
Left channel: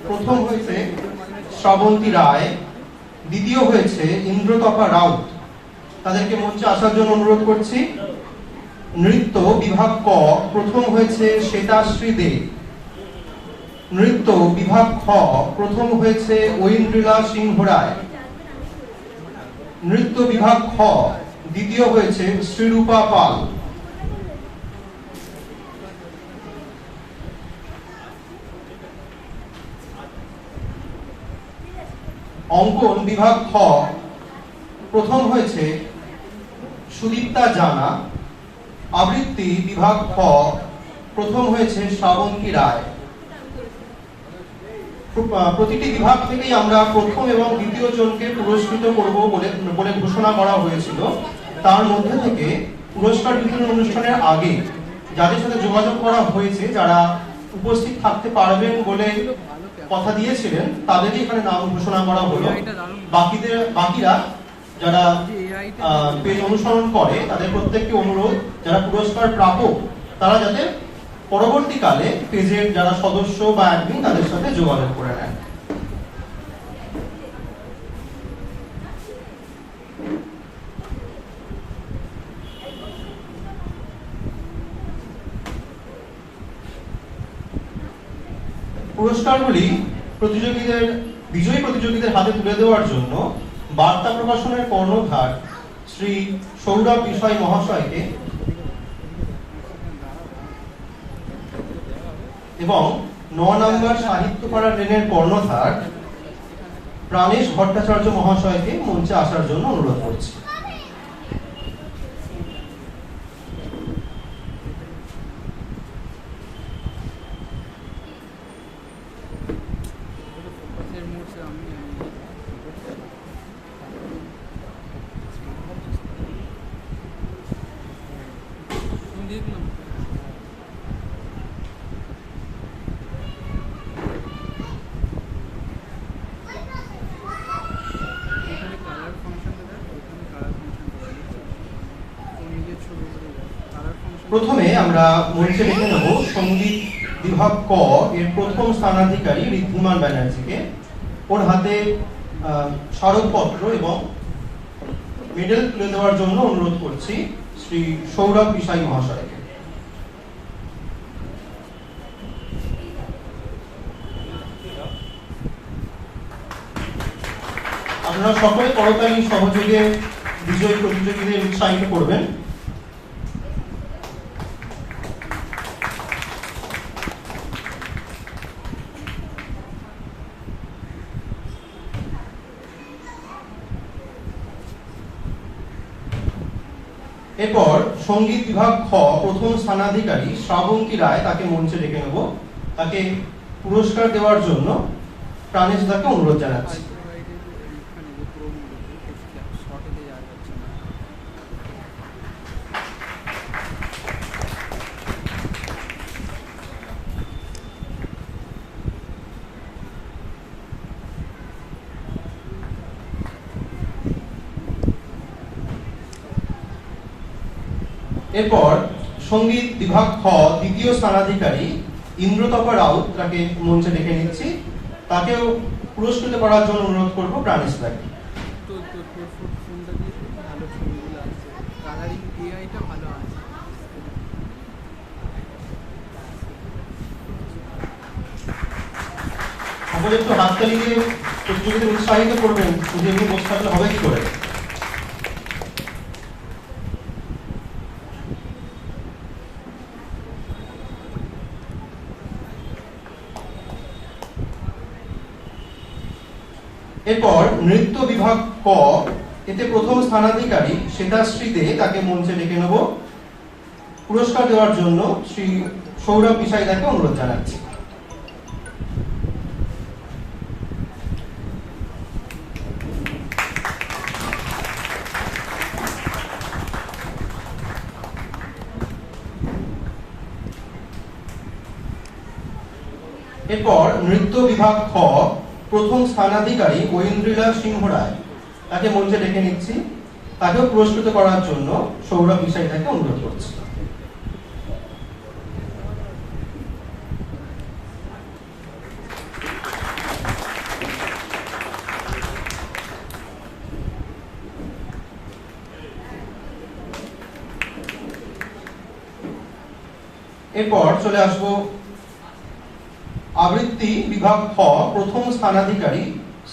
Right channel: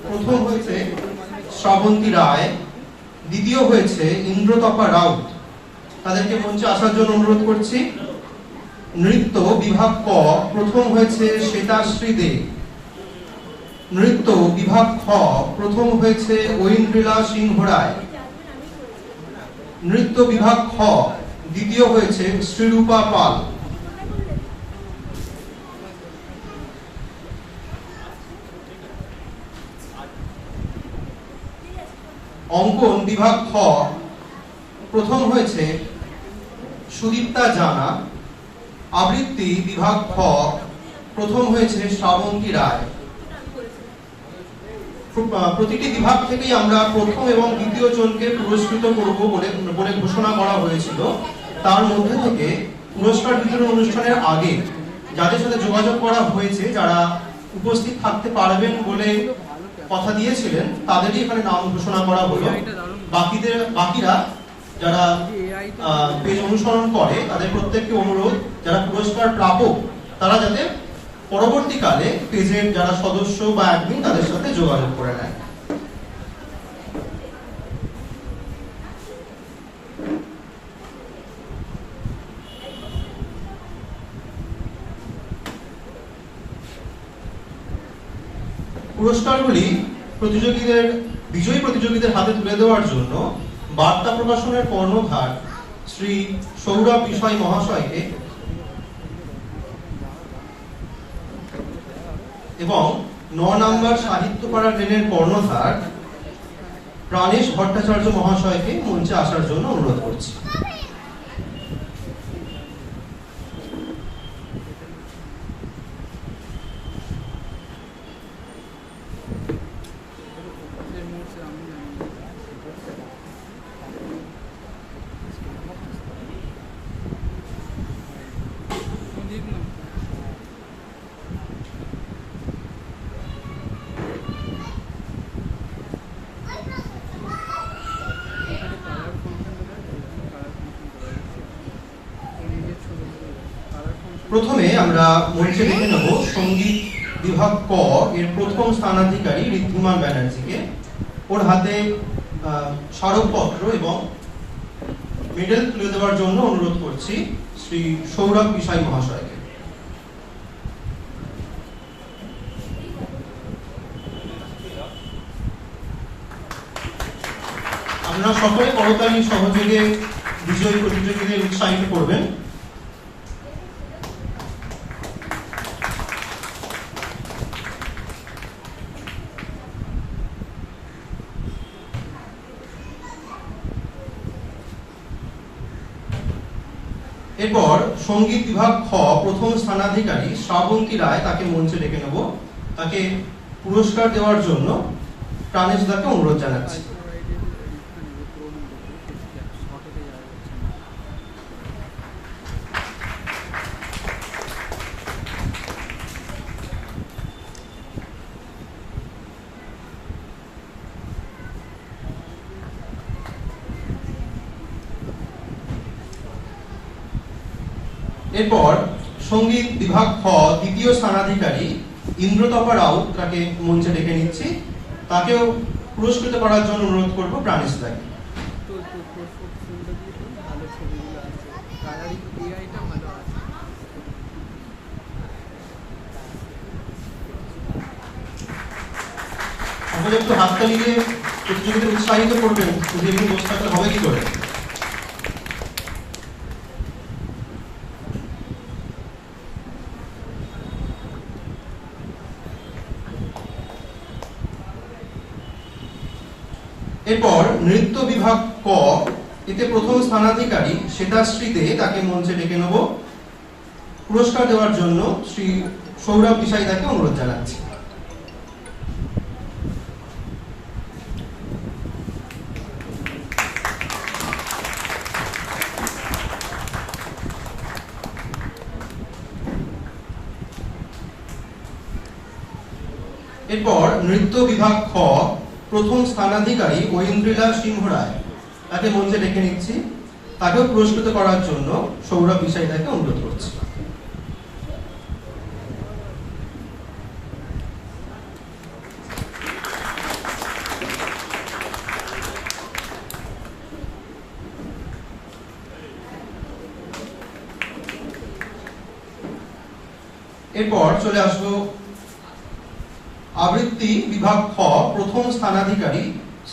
প্রথম হয়েছে শ্রাবন্তী রায়, দ্বিতীয় হয়েছে ইন্দ্রতপা রাউত। তাদেরকে মঞ্চে আসার জন্য অনুরোধ করছি। নৃত্য বিভাগ ক প্রথম হয়েছে শ্বেতাশ্রী দে। নৃত্য বিভাগ খ প্রথম হয়েছে ঐন্দ্রিলা সিংহ রায়। নৃত্য বিভাগ খ দ্বিতীয় হয়েছে শ্রীরূপা পাল। অঙ্কন বিভাগ খ প্রথম হয়েছে সুদীপ্তা জানা। আবৃত্তি বিভাগ খ প্রথম হয়েছে শ্রাবন্তী রায়। প্রতিটি বিভাগ থেকেই আমরা প্রথম এবং দ্বিতীয় জনকে পুরস্কৃত করব বলে ঘোষণা করা হয়েছিল। তার মধ্যে থেকে পুরস্কার বিতরণ অনুষ্ঠানের আগে যাদের সাথে যোগাযোগ করা হয়েছে, যারা উপস্থিত থাকতে পারবেন বলে কথা দিয়েছিলেন, তাদেরই এখানে নাম ঘোষণা করা হলো। বাকিরা যারা পেজ অনুসরণ করে তাদের প্রত্যেককে অনুরোধ, যারা পুরস্কার প্রাপক তারা যাতে পরবর্তীকালে পেজের যারা সদস্য বা অ্যাডমিন তাদের সাথে যোগাযোগ করে নেন। পুরস্কারগুলি বিজয়ী প্রতিযোগীদের হাতে তুলে দেওয়ার জন্য বার্তা প্রকাশনের কর্ণধার শ্রী সৌরভ বিষয় মহাশয়কে এবং ৯ নম্বর সাহিত্যপাড়া ট্রেনের কর্ণধার প্রাণেশ ভট্টাচার্য মহাশয়কে মঞ্চে আসার জন্য অনুরোধ করছি। প্রথমে আমরা মঞ্চে ডেকে নেব সঙ্গীত বিভাগ ক এর প্রথম স্থানাধিকারী ঋদ্ধিমান ব্যানার্জিকে। ওর হাতে স্মারকপত্র এবং মেডেল তুলে দেওয়ার জন্য অনুরোধ করছি শ্রী সৌরভ বিষয় মহাশয়কে। আপনারা সকলে করতালির সহযোগে বিজয়ী প্রতিযোগীদের উৎসাহিত করবেন। এরপর সঙ্গীত বিভাগ খ প্রথম স্থানাধিকারী শ্রাবন্তী রায়, তাকে মঞ্চে ডেকে নেব। তাকে পুরস্কার দেওয়ার জন্য প্রাণেশ দাকে অনুরোধ জানাচ্ছি। এরপর সঙ্গীত বিভাগ খ দ্বিতীয় স্থানাধিকারী ইন্দ্রতপা রাউত, তাকে মঞ্চে ডেকে নিচ্ছি। তাকেও পুরস্কৃত করার জন্য অনুরোধ করবো প্রাণেশ দাকে। সকলে একটু হাততালি দিয়ে প্রতিযোগীদের উৎসাহিত করবেন। যদি এমনি বসে থাকলে হবে কি করে? এরপর নৃত্য বিভাগ ক, এতে প্রথম স্থানাধিকারী শ্বেতাশ্রী দে, তাকে মঞ্চে ডেকে নেব। পুরস্কার দেওয়ার জন্য শ্রী সৌরভ পিসাই তাকে অনুরোধ জানাচ্ছি। এরপর নৃত্য বিভাগ খ, প্রথম স্থানাধিকারী ঐন্দ্রিলা সিংহ রায়, তাকে মঞ্চে ডেকে নিচ্ছি। তাকেও পুরস্কৃত করার জন্য সৌরভ পিসাই তাকে অনুরোধ করছি। এরপর চলে আসবো আবৃত্তি বিভাগ খ, প্রথম স্থানাধিকারী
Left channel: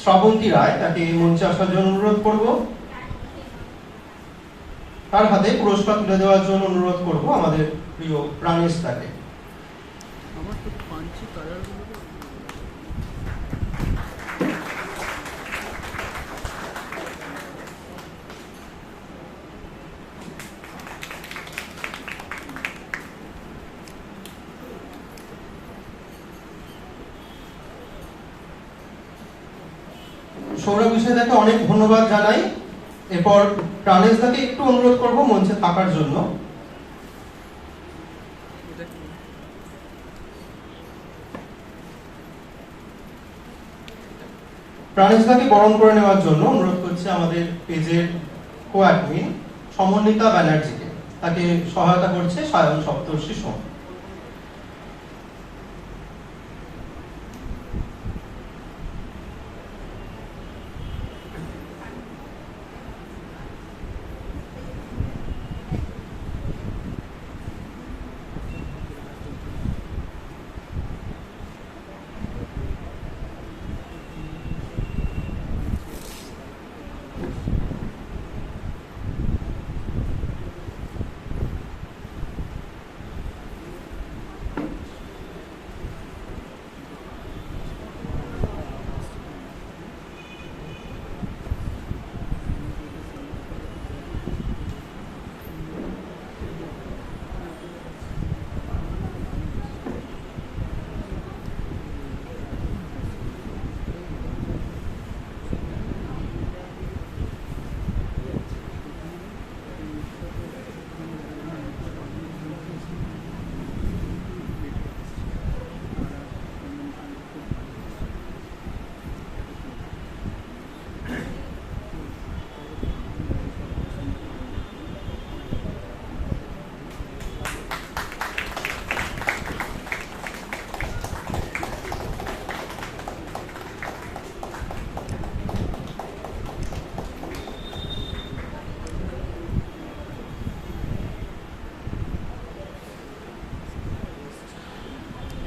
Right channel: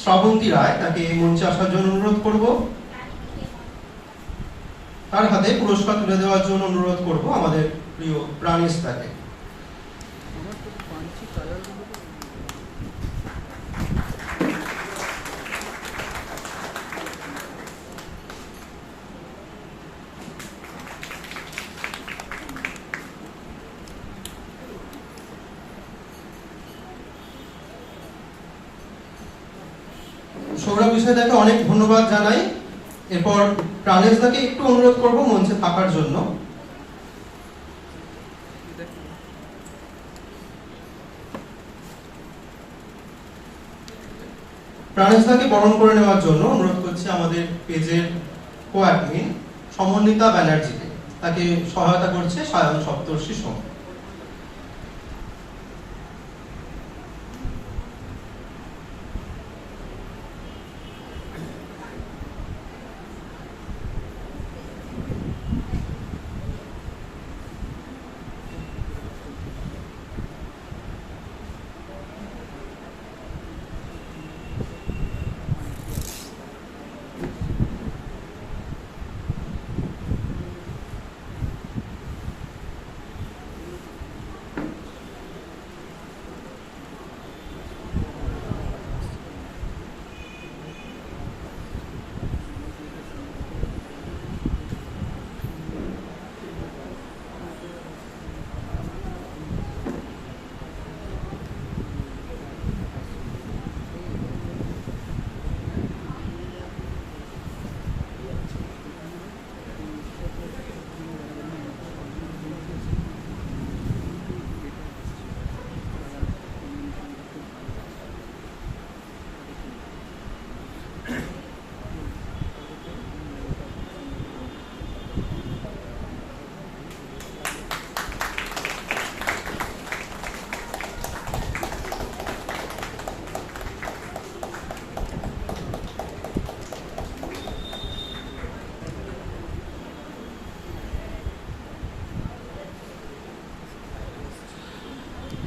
শ্রাবন্তী রায়, তাকে মঞ্চে আসার জন্য অনুরোধ করব। তার হাতে পুরস্কার তুলে দেওয়ার জন্য অনুরোধ করব আমাদের প্রিয় প্রাণেশ তাকে। আমার তো পাঞ্চি কালারগুলো সৌরভ পিসাই তাকে অনেক ধন্যবাদ জানাই। এরপর প্রাণেশ দাকে একটু অনুরোধ করব মঞ্চে থাকার জন্য। প্রাণেশ দাকে বরণ করে নেওয়ার জন্য অনুরোধ করছি আমাদের পেজের কো-অ্যাডমিন সমন্বিতা ব্যানার্জিকে, তাকে সহায়তা করছে সায়ন সপ্তর্ষি সোম।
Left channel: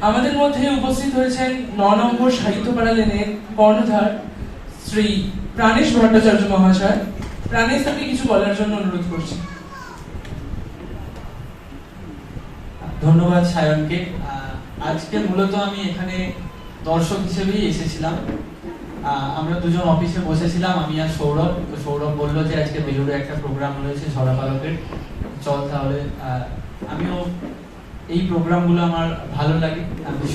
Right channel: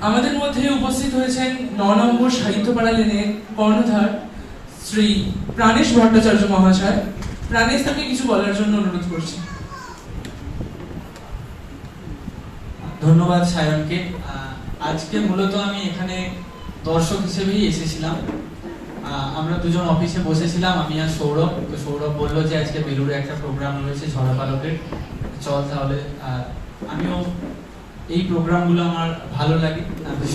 আমাদের মধ্যে উপস্থিত হয়েছেন 9 নম্বর সাহিত্যপাড়া লেনের কর্ণধার শ্রী প্রাণেশ ভট্টাচার্য মহাশয়। প্রাণেশ তাকে কিছু বলার জন্য অনুরোধ করছি। ধন্যবাদ সায়নকে। আজকে মূলত আমি এখানে দর্শক হিসেবেই এসেছিলাম। আমরা দুজন অফিসে বসেছিলাম, আমি আর সৌরভ। তো সৌরভ বললো যে আজকে বেলুড়ে একটা প্রোগ্রাম রয়েছে ঝরা পালকের, চল তাহলে। আমিও এই প্রোগ্রামগুলো আমার ভালো লাগে।